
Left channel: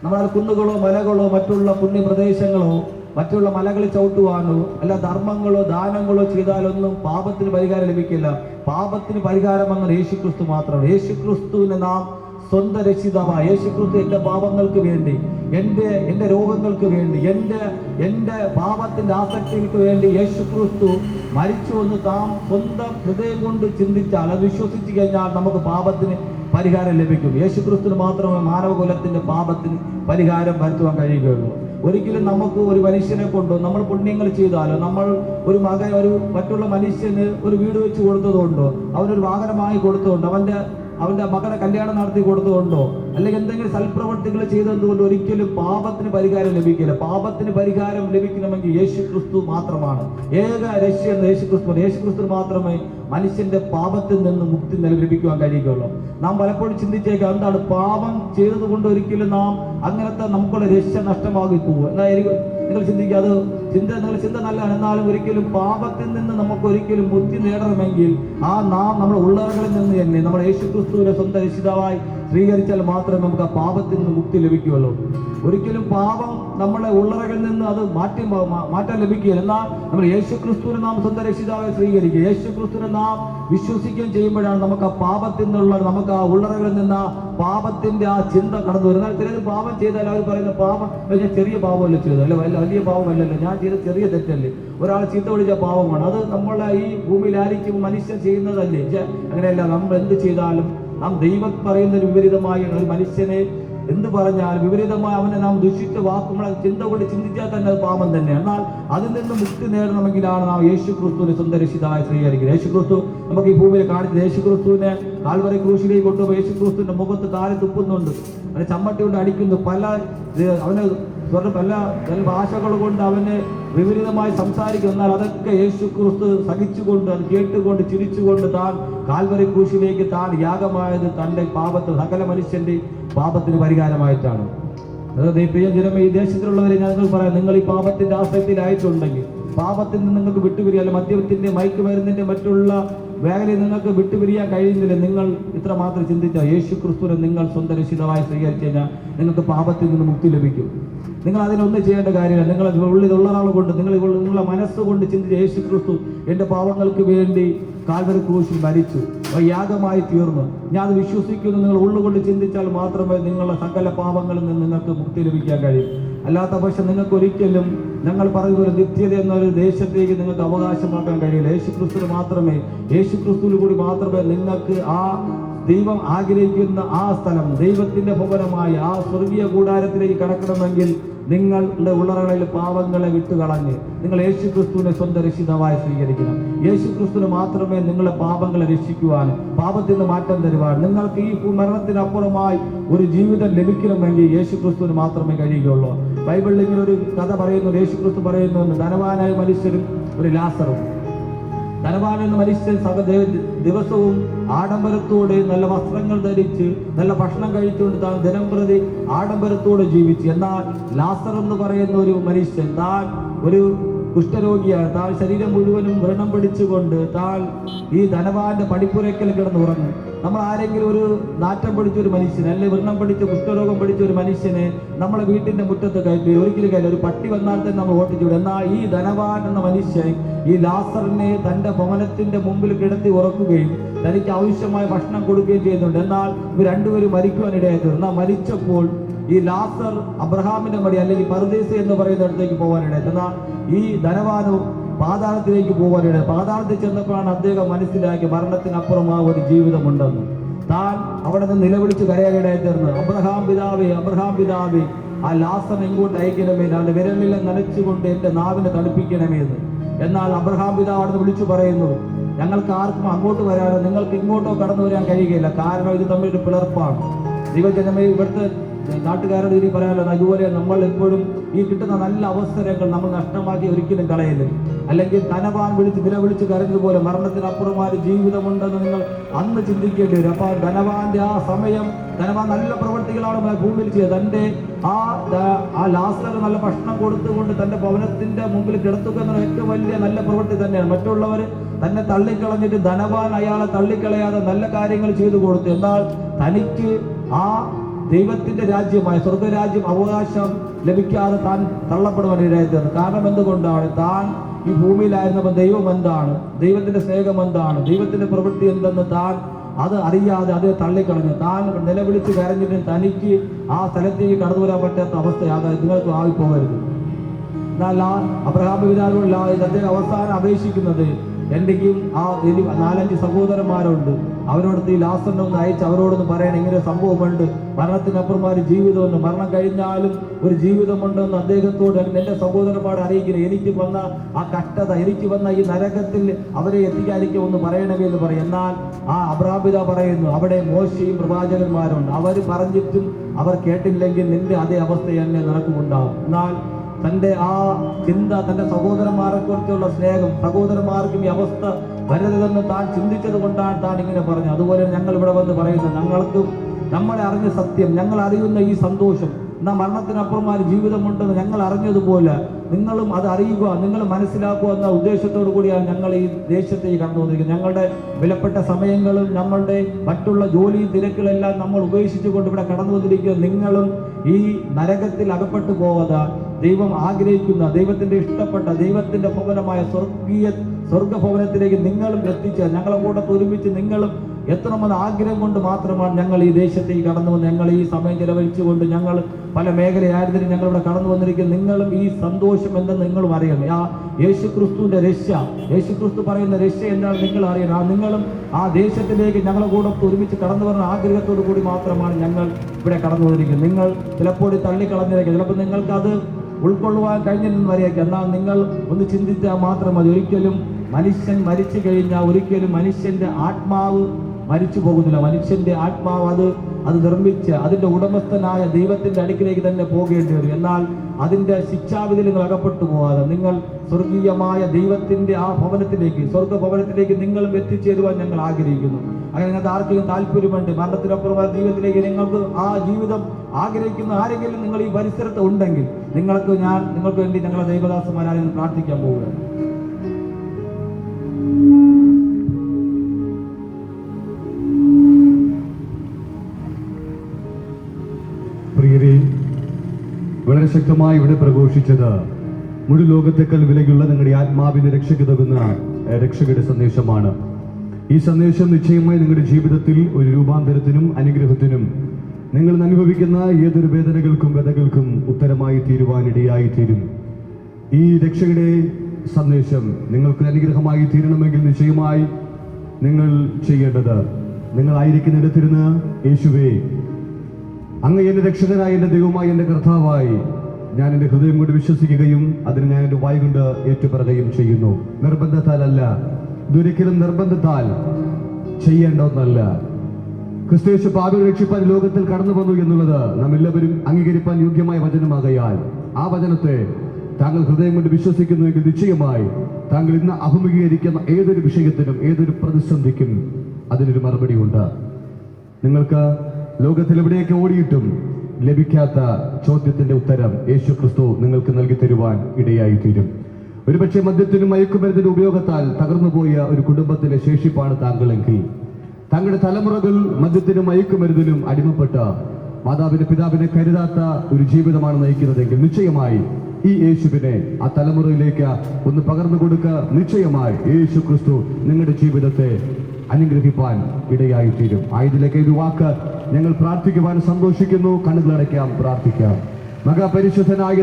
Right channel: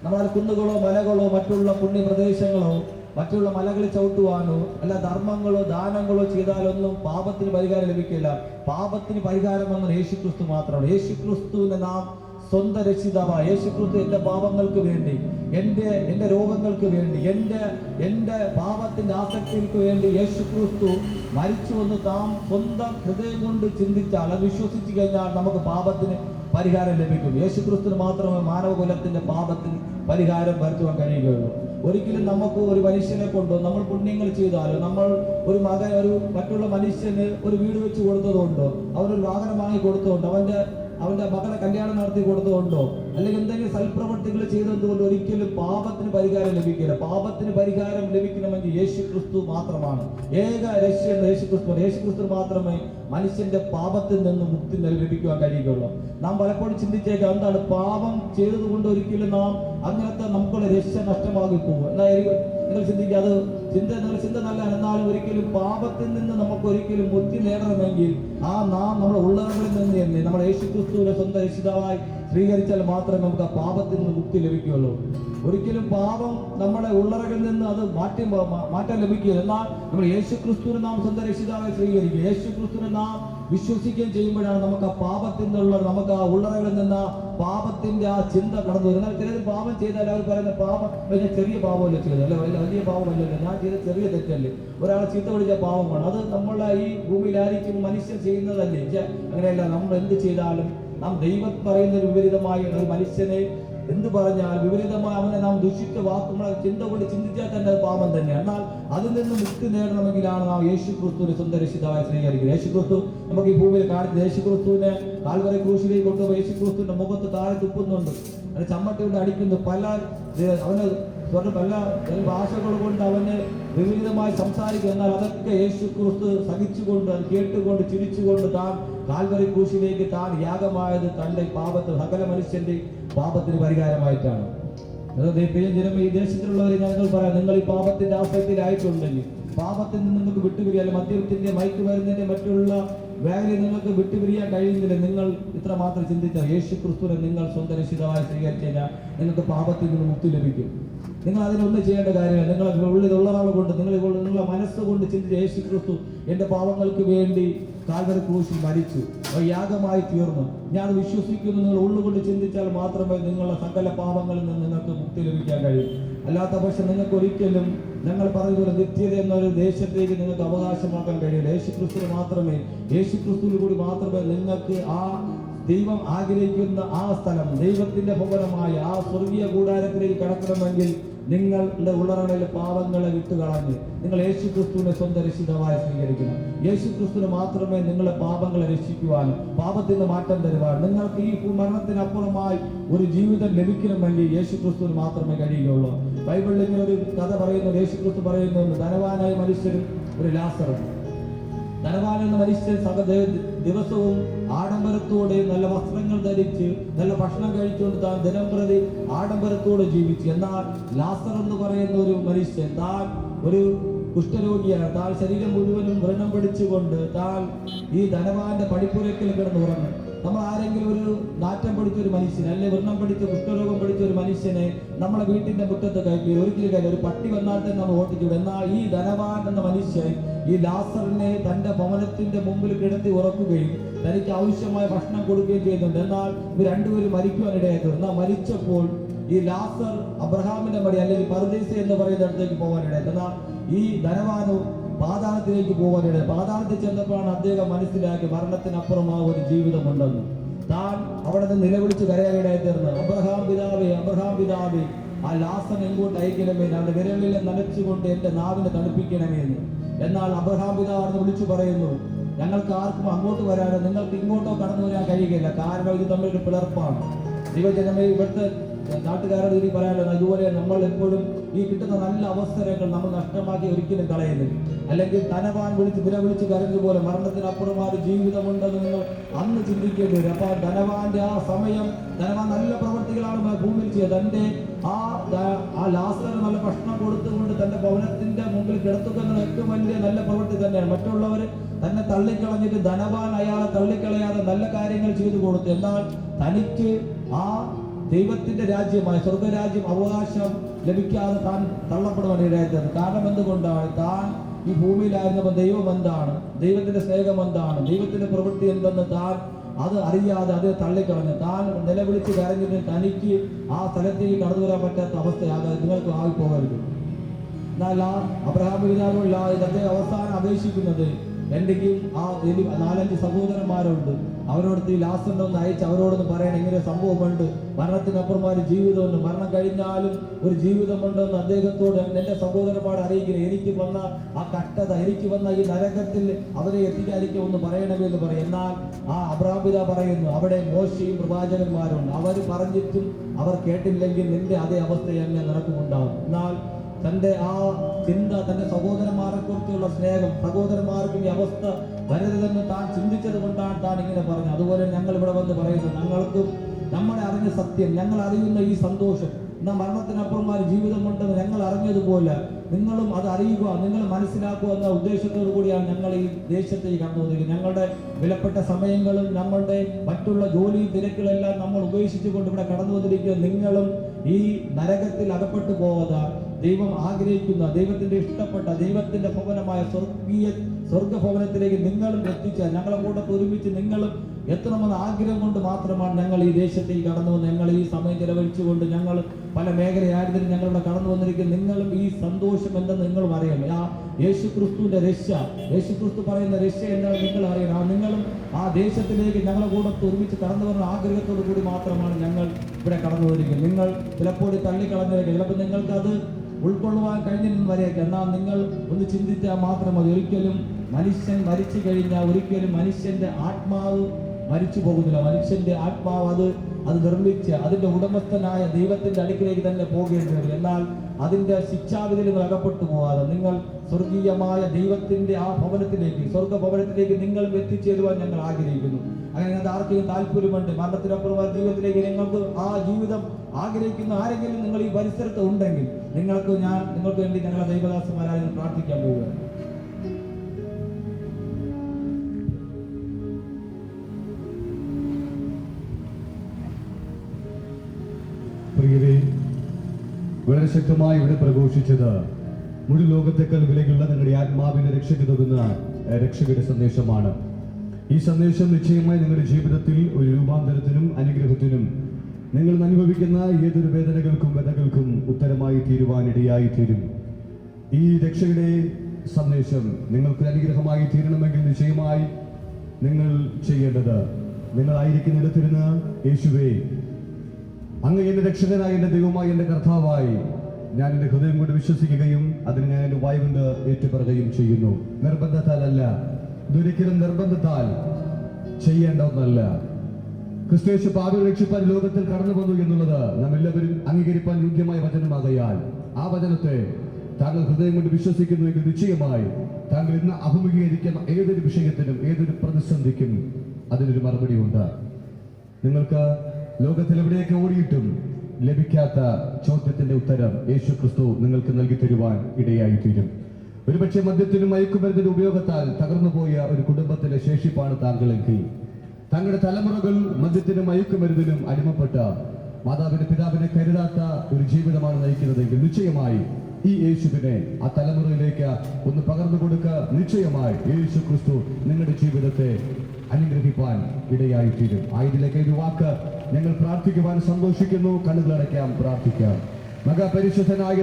നമ്മൾ കുന്നുകളോ മലകളോ മറ്റുള്ള പുണ്യപ്രദേശങ്ങളോ മറ്റുള്ള മലകളിൽ ചവിട്ടുവാനോ അല്ല ധർമ്മങ്ങളോ ദാനങ്ങളോ ചെയ്താലൊന്നും പാപത്തിന് പരിഹാരം ലഭിക്കില്ല. പാപത്തിന് പരിഹാരം അങ്ങനെ യേശുക്രിസ്തു മാത്രമാണ്. യേശുക്രിസ്തുവിനെ നാം സ്വന്തം രക്ഷിതാവായ യേശുക്രിസ്തു എന്റെ പാപങ്ങൾക്ക് വേണ്ടി, എന്റെ രോഗങ്ങൾക്ക് വേണ്ടി, എന്റെ പാപത്തിന്റെ ആസക്തികൾക്ക് വേണ്ടി യേശുക്രിസ്തു മരിച്ചു എന്ന് താം സ്വന്തം ഹൃദയം കൊണ്ട് ചിന്തിച്ചാൽ, അത് വിശ്വസിച്ചു കഴിഞ്ഞാൽ നമുക്ക് പാപത്തിന് പരിഹാരം ലഭിക്കും. യേശുക്രിസ്തുവിന് മാത്രമേ മാനവകുലത്തിന്റെ പാപത്തിന് പരിഹാരം വരുത്തുവാൻ കഴിയുകയുള്ളൂ. ഒരിക്കലും നമുക്ക് ഒരു മനുഷ്യനെ കൊണ്ടോ നമ്മൾ പുണ്യങ്ങൾ ചെയ്താലോ, നമ്മൾ ഒരു മറ്റുള്ള മനുഷ്യന് ഒരു വീട് വെച്ച് കൊടുത്തതുകൊണ്ടോ, അവനൊരു വാഹനം വാങ്ങി കൊടുത്തതുകൊണ്ടോ, അവന്റെ മകളെ കല്യാണം നടത്തി കൊടുത്തുകൊണ്ടോ അല്ലെങ്കിൽ എന്തെങ്കിലും സൽപ്രവർത്തികൾ ചെയ്തതുകൊണ്ട് ഒരിക്കലും പാപത്തിന് പരിഹാരം ലഭിക്കില്ല. പാപത്തിന് പരിഹാരം ലഭിക്കണമെങ്കിൽ യേശുക്രിസ്തു മാത്രമാണ് ഏക രക്ഷ എന്ന് യേശുക്രിസ്തു മാത്രമേ മനുഷ്യന്റെ പാപത്തിൽ നിന്ന് മുക്തി ലഭിക്കുവാൻ കഴിയുകയുള്ളൂ. നാം പലപ്പോഴും ചിന്തിച്ചേക്കാം, എന്താണ് പാപം ചെയ്തത് കൊണ്ട് ഒരിക്കലും നാം അങ്ങനത്തെ നമുക്കുള്ള രക്ഷ നഷ്ടമാകി പോകും എന്നായിരിക്കും നിങ്ങൾ ചിന്തിക്കുക. അത് ചിന്ത നല്ലതാണ്. എന്നാലും ഒരിക്കലും പാപത്തിൽ നിന്ന് നമുക്ക് ഒരിക്കലും മുക്തി നേടണമെങ്കിൽ നാം നമ്മുടെ ഉള്ളറകളിൽ നിന്ന് തന്നെ നമ്മുടെ യേശുക്രിസ്തുവിനെ സ്വന്തം രക്ഷിതാവായി സ്വീകരിച്ചാൽ മാത്രമേ നമുക്ക് ആ പാപത്തിൽ നിന്ന് മുക്തി ലഭിക്കുകയുള്ളൂ. ഒരിക്കലും പാപം നമ്മുടെ ഉള്ളറകളിൽ നിന്ന് അത് മാറ്റാൻ ലഭിക്കുകയില്ല. എന്നാൽ നമ്മൾ യേശുക്രിസ്തുവിനെ നാം സ്വന്തം രക്ഷിതാവായി സ്വീകരിക്കുക, യേശുക്രിസ്തുവിനെ നാം വിശ്വസിക്കുകയും ചെയ്യുമ്പോഴാണ് നമുക്ക് ആ പാപത്തിൽ നിന്നുള്ള, നമുക്ക് ആ ഉള്ളറകളിൽ നിന്ന് ആ പാപത്തിന്റെ ആ ചിന്ത കടന്നു വരും. എന്നാൽ ചിലർ പാപം ചെയ്താൽ അവർ പറയുന്ന പാപം ഞാൻ ചെറിയ പാപമല്ല ചെയ്തല്ലോ, വലിയ പാപമല്ലല്ലോ, ഞാൻ ചെയ്ത ചെറിയ തെറ്റല്ലേ, ഒരാൾ ചീത്ത വിളിച്ച പാവമാണ്, അത് നമ്മളെ ഈ ഭൂമിയിൽ ആയിരിക്കും മനുഷ്യൻ ചെയ്യുന്നതല്ലേ. അങ്ങനെയല്ല, നമ്മൾ എന്ത് ചെയ്താലും ദൈവം പറയുന്ന വിപരീതമായ ഒരു മനുഷ്യനെ എന്ത് പറഞ്ഞാൽ വിപരീതമായി അവനെ നാം ദുഷിച്ച വാക്കുകളെ ചിന്ത കൊണ്ട് ചിന്തിച്ചാൽ തന്നെ അത് പാപം തന്നെയാണ്. എന്നാൽ അതിൽ നിന്ന് മുക്തി നേടണമെങ്കിലാണ് നാം യേശുക്രിസ്തുവിനെ സ്വന്തം രക്ഷിതാവായി സ്വീകരിക്കുന്നത്. യേശുക്രിസ്തു നമുക്ക് ഈ ഭൂമിയിൽ കാണിച്ചത്, യേശുക്രിസ്തുവിനെ കാൽവരി ക്രൂശിലേക്ക് കൊണ്ടുപോയി യേശുക്രിസ്തുവിന്റെ മുഖത്ത് താഴെ തുപ്പുന്നുണ്ട്, അവനെ ചമ്മട്ടി കൊണ്ട് അടിക്കുന്നു, അവന് പല ഭാഷകൾ കൊണ്ട് അവനെ വിപരീതമായി സംസാരിക്കും. എന്നാൽ അതൊക്കെ യേശുക്രിസ്തു സഹിച്ചുകൊണ്ട്, അത് കേട്ടുകൊണ്ട്, ചിരിച്ചുകൊണ്ട് താൻ കാൽവരി ക്രൂശിലേക്ക് താൻ യാഗമായത് തന്റെ സകല മനുഷ്യന്റെ പാപത്തിന് പരിഹാരമായിട്ടാണ്. ജനമേ, ഈ ദേശത്തിലുള്ളവരെ ഞങ്ങൾ പറയാം, നിങ്ങൾ ഈ പാപത്തിന്റെ ആശ്രയത്തിലായിട്ടുണ്ടെങ്കിൽ, പാപത്തിൽ നിന്ന് നിങ്ങൾക്ക് വിട്ടുപിരിയാൻ, മദ്യത്തിന്റെ മയക്കുമരുന്നിന്റെ മറ്റുള്ള മേഖലയിൽ നിങ്ങൾക്ക് വിട്ടുപിരിയാൻ കഴിയുന്നില്ല, നിങ്ങൾ ഇത്ര മാത്രം ചിന്തിച്ചാൽ യേശുക്രിസ്തുവിനെ നിങ്ങൾ സ്വന്തം രക്ഷിതാവായി സ്വീകരിച്ചു കഴിഞ്ഞാൽ നിങ്ങൾക്ക് പാപത്തിൽ നിന്ന് മുക്തി ലഭിക്കും. നിങ്ങൾ അതിനൊന്നും ചെയ്യേണ്ട കാര്യമില്ല. നിങ്ങളുടെ ഉള്ളിലുള്ള കൊണ്ട് നിങ്ങളുടെ മനസ്സുകൊണ്ട് ചിന്തിച്ച യേശുക്രിസ്തു എന്റെ പാവങ്ങൾക്ക് വേണ്ടി കാൽവരി ക്രൂശിൽ മരിച്ചു, യാഗമായി തീർന്നു, ഞാൻ വിശ്വസിക്കുന്നു. നിങ്ങൾ ഉള്ളുകൊണ്ട് ചിന്തിച്ചാൽ മാത്രമേ നിങ്ങളുടെ സകല പാപങ്ങളിൽ നിന്ന് നിങ്ങൾക്ക് മുക്തി ലഭിക്കാൻ കഴിയും. അല്ലാത്ത പക്ഷം നിങ്ങൾക്ക് ഒരിക്കലും ഞങ്ങൾ പറയുന്ന ഒരു നിത്യത എന്നൊരു ദേശത്തേക്ക് നിങ്ങൾക്ക് അവകാശമാക്കാൻ കഴിയില്ല. യേശുക്രിസ്തുവിൽ കൂടി മാത്രമേ നിങ്ങൾക്ക് ആ ദൈവം ആഗ്രഹിക്കുന്ന ആ സ്ഥലം, ദൈവത്തിന്റെ ഭവനമായ ആ സ്വർഗീയ കൂടാരത്തിലേക്ക് കടക്കണമെങ്കിൽ നിങ്ങളുടെ ഉള്ളറകളിൽ പാവങ്ങളെ വിട്ടുകളഞ്ഞ് നിങ്ങൾ യേശുക്രിസ്തുവിനെ സ്വന്തം രക്ഷിതാവായി സ്വീകരിക്കണം. യേശുക്രിസ്തുവിന് മാത്രമേ നിങ്ങളുടെ പാപങ്ങളെ രക്ഷിക്കുവാനും പാപത്തിൽ നിന്ന് മാറ്റം തരുവാൻ, നിങ്ങൾക്ക് ഈ മരണത്തിനപ്പുറമായി ഒരു ജീവിതം ലഭിക്കണമെങ്കിൽ യേശുക്രിസ്തുവിന് മാത്രമേ കഴിയുകയുള്ളൂ. ബൈബിളിൽ ഇങ്ങനെ ഒരു കഥ പറയുന്നു, യേശുക്രിസ്തു പറയുന്നു, ധനവാനായ മനുഷ്യരും ഒരു ലാസറും. ധനവാനെന്ന മനുഷ്യൻ ദിവസവും ആഡംബരത്തോടെ നല്ല വസ്ത്രങ്ങൾ ധരിച്ച് നല്ല ഭക്ഷണം കഴിച്ചുകൊണ്ട് താൻ ദിനം പ്രതി ആഡംബരത്തോടെ ജീവിച്ചു. എന്നാൽ ലാസർ എന്ന് പറയുന്ന ഒരു മനുഷ്യൻ, താൻ ഒരു കുഷ്ഠരോഗിയാണ്, താൻ ശരീരം മുഴുവനും വ്രണം പിടിച്ചുകൊണ്ട് താൻ ഈ ധനവാന്റെ പടിപ്പുരയ്ക്കൽ കിടന്നുറങ്ങി. നമ്മൾ ആരെങ്കിലും ഒരു നാറ്റം പിടിച്ച ഒരു മനുഷ്യനെ, അല്ലെ വ്രണം പിടിച്ച കുഷ്ഠരോഗം പിടിച്ച ഒരു മനുഷ്യനെ നമ്മളെ വീട്ടിന്റെ മുറ്റത്ത് കയറ്റി ഒരിക്കലും കയറി, ഒരു പട്ടി വന്നാൽ തന്നെ നമ്മൾ ഓട്ടിച്ചു വിടും. എന്നാൽ ഈ ധനവാൻ എന്ന മനുഷ്യൻ ഈ ലാസറിനെ തന്റെ ഭവനത്തിന്റെ മുമ്പിൽ കിടത്തി ഉറക്കുകയും തനിക്ക് ആവശ്യമായ ഭക്ഷണം കൊടുക്കുകയും ചെയ്യുന്നുണ്ട്. എന്നാൽ ഇവർ രണ്ടുപേരും മരിക്കുവാനിടയായിട്ടുണ്ട്. എന്നാൽ മരിച്ചപ്പോൾ ഈ ലാസർ അബ്രഹാമിന്റെ മടി അല്ലെങ്കിൽ പർദീസ് എന്ന് പറയുന്നിടത്തേക്ക് പോകാനിടയായി. എന്നാൽ ഈ ധനവാനോ പാതാളത്തിലേക്ക് പോകാനിടയായി. പാതാളത്തിൽ ചെന്നപ്പോഴാണ് അദ്ദേഹം മനസ്സിലാക്കി മരണത്തിനപ്പുറം ആ ഒരു ജീവിതമുണ്ടെന്ന്. താൻ അവിടെ നിന്ന് നിലവിളിച്ച് കരയാനിടയായി തീർന്നു, അബ്രഹാം പിതാവേ, ആ ലാസർ എങ്ങോട്ട് അയക്കണമേ, ഞാൻ വിരലിലെ നനച്ചുകൊണ്ട് എന്റെ നാവിനെ തണുപ്പിക്കണമേ എന്ന്. എന്നാൽ അബ്രഹാം പിതാവ് അവിടെ വിളിച്ചു പറയുന്നു, ഞങ്ങൾക്ക് ആർക്കും അങ്ങോട്ട് വരാനോ നിങ്ങൾക്ക് ഇങ്ങോട്ടോ കടന്നു വരാൻ കഴിയുകയില്ല, കാരണം ഇത് തമ്മിലൊരു പിളർപ്പാണ്. ദൈവജനമേ, ഇവിടുത്തെ നാട്ടുകാരുടെ രീതി പറയാനോ, അതുപോലെ നമ്മൾ എപ്പോഴും ഈ കിട്ടുന്ന നല്ല അവസരങ്ങൾ നമ്മൾ നഷ്ടമാക്കി ഒരിക്കലും കളയരുത്. അല്ലെങ്കിൽ ധനവാൻ നിലവിളിച്ച് കരഞ്ഞതുപോലെ മരണത്തിനപ്പുറമായ ഒരു ജീവിതമുണ്ടെന്ന് നിങ്ങൾ അന്ന് ചിന്തിക്കേണ്ടി വരും. അപ്പൊ ധനവാന്റെ ആ സമയം, ധനവാൻ നല്ല പ്രവൃത്തികളാണ് ഭൂമിയിൽ ചെയ്തത്. തന്റെ ആ ലാസർ നല്ല ഭക്ഷണം കൊടുത്തുകൊണ്ട് തന്റെ ഭവനത്തിന്റെ മുമ്പിൽ കിടത്തുക എന്നുള്ള ഏറ്റവും വലിയ നല്ല പ്രവൃത്തി തന്നെയാണ്. മറ്റുള്ളവർ തന്നെ തള്ളിക്കളഞ്ഞിട്ട് ധനവാൻ അയാളെ തള്ളിക്കളയാതെ നല്ല കാര്യങ്ങൾ ചെയ്തു കൊടുത്തു. എന്നാൽ തനിക്ക് ആ ദൈവത്തിന്റെ രാജ്യമായ സ്വർഗരാജ്യം അവകാശം ലഭിക്കാതെ താൻ തള്ളപ്പെടുവാനിടയായത്. കാരണം എന്തുകൊണ്ടാണ്? താൻ ഈ ഭൂമിയിലായിരുന്നപ്പോൾ ദൈവം എന്താണ്, ദൈവത്തിന്റെ സ്നേഹം എന്താണ്, ദൈവത്തിന്റെ പ്രവൃത്തി എന്തെന്ന് താൻ അത് അറിയാതെ അത് തള്ളിക്കളഞ്ഞു. താൻ നിലവിളിച്ച് കരഞ്ഞിട്ട് തനിക്ക് ആ സ്ഥലത്തേക്ക് കടന്നു വരാൻ പറ്റാത്ത അവസ്ഥയാകാതെ നിങ്ങൾക്ക് ആയിപ്പോകരുത്. എന്നാൽ അബ്രഹാം പിതാവിനോട് അദ്ദേഹം അവസാനം അപേക്ഷിക്കുന്നത്, എന്റെയും ആ 4-5 സഹോദരന്മാരുണ്ട്, അവരോടത്ത് ഈ ലാസറിനെ ഒന്ന് അയച്ച് അവരോടൊന്ന് പറയണം, ഇങ്ങനെ സംഭവമുണ്ട്, മരണത്തിനപ്പുറം ഒരു ജീവിതമുണ്ട്, മരണം കഴിഞ്ഞാലും ഒരു ജീവിതമുണ്ടെന്ന് അദ്ദേഹത്തോട് എന്റെ സഹോദരന്മാരെ അറിയിക്കുന്നത്. എനിക്ക് വന്ന ആ കഷ്ടത, എനിക്ക് വന്ന ഈ നരകത്തിൽ അവരെ എത്തിക്കാതിരിക്കുക ഒന്ന് പറയണമേ എന്ന് പറയും. എന്നാൽ ആ അബ്രഹാം പിതാവ് പറയുന്നു, അവിടെ മോശയും പ്രവാചകന്മാരുണ്ട്, അവർ പറഞ്ഞിട്ടും അവർ കേട്ടില്ലെങ്കിൽ നിന്റെ അതേ അവസ്ഥ തന്നെ നിനക്കുണ്ടാവും. എന്നാൽ തന്റെ ആ ചിന്ത, തന്റെ സഹോദരന്മാരെ കുറിച്ചുള്ള സ്നേഹം, സഹോദരന്മാർക്കും ഈ അവസ്ഥ വരരുതെന്ന് താൻ ചിന്തിച്ചത് കൊണ്ടാണ് താൻ ഇങ്ങനെ പറഞ്ഞത്. അതുപോലെ ഞങ്ങൾ ഇവിടെ വന്ന് പറയുന്നു, ഞങ്ങൾക്കും നമ്മളെ അറിഞ്ഞ സത്യം, ഞങ്ങൾ അറിയുന്ന ഈ സന്തോഷം, എന്നാൽ മരണത്തിനപ്പുറമായ ജീവിതമുണ്ടെന്ന് ഞങ്ങൾ അറിഞ്ഞതുപോലെ നിങ്ങളും അത് അറിയുക, നിങ്ങൾ മനസ്സിലാക്കുക എന്ന ഉദ്ദേശത്തോടു കൂടിയാണ് ഞങ്ങൾ ഈ ദേശത്തേക്ക് കടന്നു വന്നിരിക്കുന്നത്. ഞങ്ങളുടെ വിലപ്പെട്ട സമയങ്ങളും നമ്മളുടെ മറ്റുള്ള ജോലി തിരക്കുകളെല്ലാം നമ്മൾ ഉപേക്ഷിച്ചുകൊണ്ട് ഇവിടെ കടന്നു വന്നിരിക്കുക. നിങ്ങളും ഈ നരകത്തിൽ അകപ്പെട്ടു പോകാതെ ദൈവം ആഗ്രഹിക്കുന്ന, ദൈവത്തിന്റെ ഇഷ്ടപ്പെട്ട, ദൈവത്തിന്റെ ഭവനമായ സ്വർഗഭവനത്തിലേക്ക് നിങ്ങളും എത്തിച്ചാൽ ഞങ്ങളെ കൂടെ ഒരുമിച്ച് നിങ്ങളും എത്തണമെന്ന ആഗ്രഹം കൊണ്ട് മാത്രമാണ് ഞങ്ങൾ ഈ ദേശത്തേക്ക് കടന്നു വന്ന് ഞങ്ങൾ ഈ സമയം ചെലവഴിച്ചുകൊണ്ട് ഞങ്ങൾ പല മേഖലയായിരുന്നില്ല ഞങ്ങളിവിടെ കടന്നു വന്നിരിക്കുന്നത്. നിങ്ങളും ഈ സന്തോഷം എന്തെന്ന് നിങ്ങളും അറിയണം. ആ യേശുക്രിസ്തുവിന്റെ രക്ഷ, യേശുക്രിസ്തു പറയുന്ന രക്ഷ എന്താണ് നിങ്ങൾ അറിയണം. നിങ്ങളും ആ ദേശത്തിലേക്ക് ഞങ്ങളെ കൂടെ ഒരുമിച്ച് കടന്നു വരുന്ന ആഗ്രഹത്തോടു കൂടി മാത്രമാണ് ഞങ്ങൾ ഇവിടെ കടന്നു വന്നിരിക്കുന്നത്. നിങ്ങൾ ചിലപ്പോൾ തള്ളിക്കളഞ്ഞിരിക്കും, ചിലപ്പോൾ നിങ്ങൾക്കത് ഉൾക്കൊള്ളുവാൻ കഴിഞ്ഞില്ലെന്ന് വരെയൊക്കെ. എന്നാൽ നിങ്ങൾ ഒന്ന് ചിന്തിച്ചാൽ മാത്രം മതി. ഒരിക്കലും മനുഷ്യൻ മരിച്ചു കഴിഞ്ഞാൽ ഒരിക്കലും മനുഷ്യന്റെ ആത്മാവ് മരിച്ചു പോകുന്നില്ല. മനുഷ്യന്റെ ആത്മാവ് അത് നിർമ്മിച്ച് അതിന്റെ ഉടമസ്ഥനായ ദൈവത്തിന്റെ അടുക്കിലേക്ക് തന്നെ പോകേണ്ടി വരും. എന്നാൽ അതിന്റെ ശിക്ഷാവിധിയിൽ നിങ്ങൾ അകപ്പെട്ടു പോകാതെ നിങ്ങൾ സ്വർഗീയമായ ദൈവത്തിന്റെ ആ ഭവനത്തിലേക്ക്, സ്വർഗഭവനത്തിലേക്ക് നിങ്ങളും എത്തിച്ചേരുവാൻ ഞങ്ങൾ ആഗ്രഹിക്കുന്നു. അങ്ങനെ ആർക്കെങ്കിലും താല്പര്യമുണ്ട് മരണത്തിനപ്പുറമായ ജീവിതത്തിലേക്ക് നിങ്ങൾക്ക് ആ ജീവിതം ആഗ്രഹിക്കുന്ന ആരെങ്കിലും നിങ്ങൾ ഈ പരിസരത്ത് ഉണ്ടെങ്കിൽ നിങ്ങൾക്ക് വേണ്ടി ഞങ്ങളെ ദൈവദാസന്മാരായി പ്രാർത്ഥിക്കാൻ പോവുകയാണ്. വളരെ ശക്തമായി ഇവിടെ പ്രഘോഷിച്ചത് മുഴു ലോകത്തേക്കാൾ വിലയുള്ള നിങ്ങളുടെ ആത്മാവിന്റെ രക്ഷകതകുന്ന രക്ഷകരുടെ സന്ദേശമാണ്. ഈ സന്ദേശം നിശ്ചയമായി നിങ്ങളുടെ ജീവിതത്തിൽ ഒരു രൂപാന്തരത്തിനും അനുഗ്രഹത്തിനും നിങ്ങൾ അനുഭവിക്കുന്ന ഏതൊരു വ്യതകൾക്കും ഉത്തരമായി തീരുവാനിടയായി തീരും. ഈ രക്ഷയുടെ സന്ദേശം നിങ്ങൾക്ക് അനുഗ്രഹമായി തീരണമെങ്കിൽ നിശ്ചയമായി നിങ്ങൾ ചെയ്യേണ്ടത്, നിങ്ങളായിരിക്കുന്നിടത്തിരുന്ന് യേശുവേ, അങ്ങ് എന്റെ രക്ഷകനായ എന്റെ ദൈവമായി എന്റെ കർത്താവായി ഞാൻ എന്റെ ഹൃദയം കൊണ്ട് വിശ്വസിക്കുകയും അതിന് ഞാൻ എന്റെ വായ കൊണ്ട് ഏറ്റുപറയുകയും ചെയ്യുന്നു. നിർബന്ധത്താലല്ല, ഇതൊരിക്കലും നിർബന്ധത്താൽ ചെയ്യേണ്ട ഒന്നല്ല. ക്രിസ്തുയേശു പാപികളെ രക്ഷിപ്പാൻ ലോകത്തിൽ കടന്നു വന്നു എന്നുള്ളത് നാം എല്ലാവരും അംഗീകരിപ്പാൻ യോഗ്യമായ വചനമാകയാൽ ആ വചനത്തെ താങ്കൾ ഹൃദയം കൊണ്ട് വിശ്വസിക്കുന്നുവെങ്കിൽ നിശ്ചയമായി താങ്കൾ ഇന്ന് അഭിമുഖീകരിക്കുന്ന ഏതൊരു വിഷയത്തിനും ഏതൊരു പ്രതിസന്ധിക്കും അതിനൊരു മറുപടി ഉണ്ട്. നിങ്ങൾക്ക് ലോകത്തിൽ എവിടെയൊക്കെ ഓടിയിട്ടും ലഭിക്കാത്ത ചോദ്യത്തിന്റെ ഉത്തരം യേശു ക്രിസ്തു നിങ്ങൾക്ക് നൽകി തരുവാൻ ഇടയായി തീരും. ഒരുപക്ഷെ മദ്യത്തിനും മയക്കുമരുന്നിന്റെ ഉപയോഗത്താൽ തകർന്നുപോയ ഒരു കുടുംബത്തിലെ ശേഷിപ്പാണ് താങ്കളെങ്കിൽ, താങ്കളുടെ തലമുറകൾ മദ്യത്തിനും മയക്കുമരുന്നിനും അടിമപ്പെട്ട മാതാവിന്റെ പിതാവിനെ കരുതാത്ത ഒരു ജീവിതമാണ് നയിക്കുന്നതെങ്കിൽ നിശ്ചയമായി ഈ യേശുവിനെ ആ തലമുറയിലേക്ക് ഒന്ന് പകർന്നു കൊടുക്കുക. നിശ്ചയമായി യേശു ക്രിസ്തു നിങ്ങളുടെ ജീവിതത്തെ അനുഗ്രഹിപ്പാൻ ഇടയായി തീരും. ആയതിലേക്ക് ഒരു വാക്ക് ഞങ്ങൾ പ്രാർത്ഥിക്കുവാൻ സന്തോഷിക്കുന്നു. കണ്ണുകളടയ്ക്കാം, പ്രാർത്ഥിക്കാം. മഹാപരിശുദ്ധനായ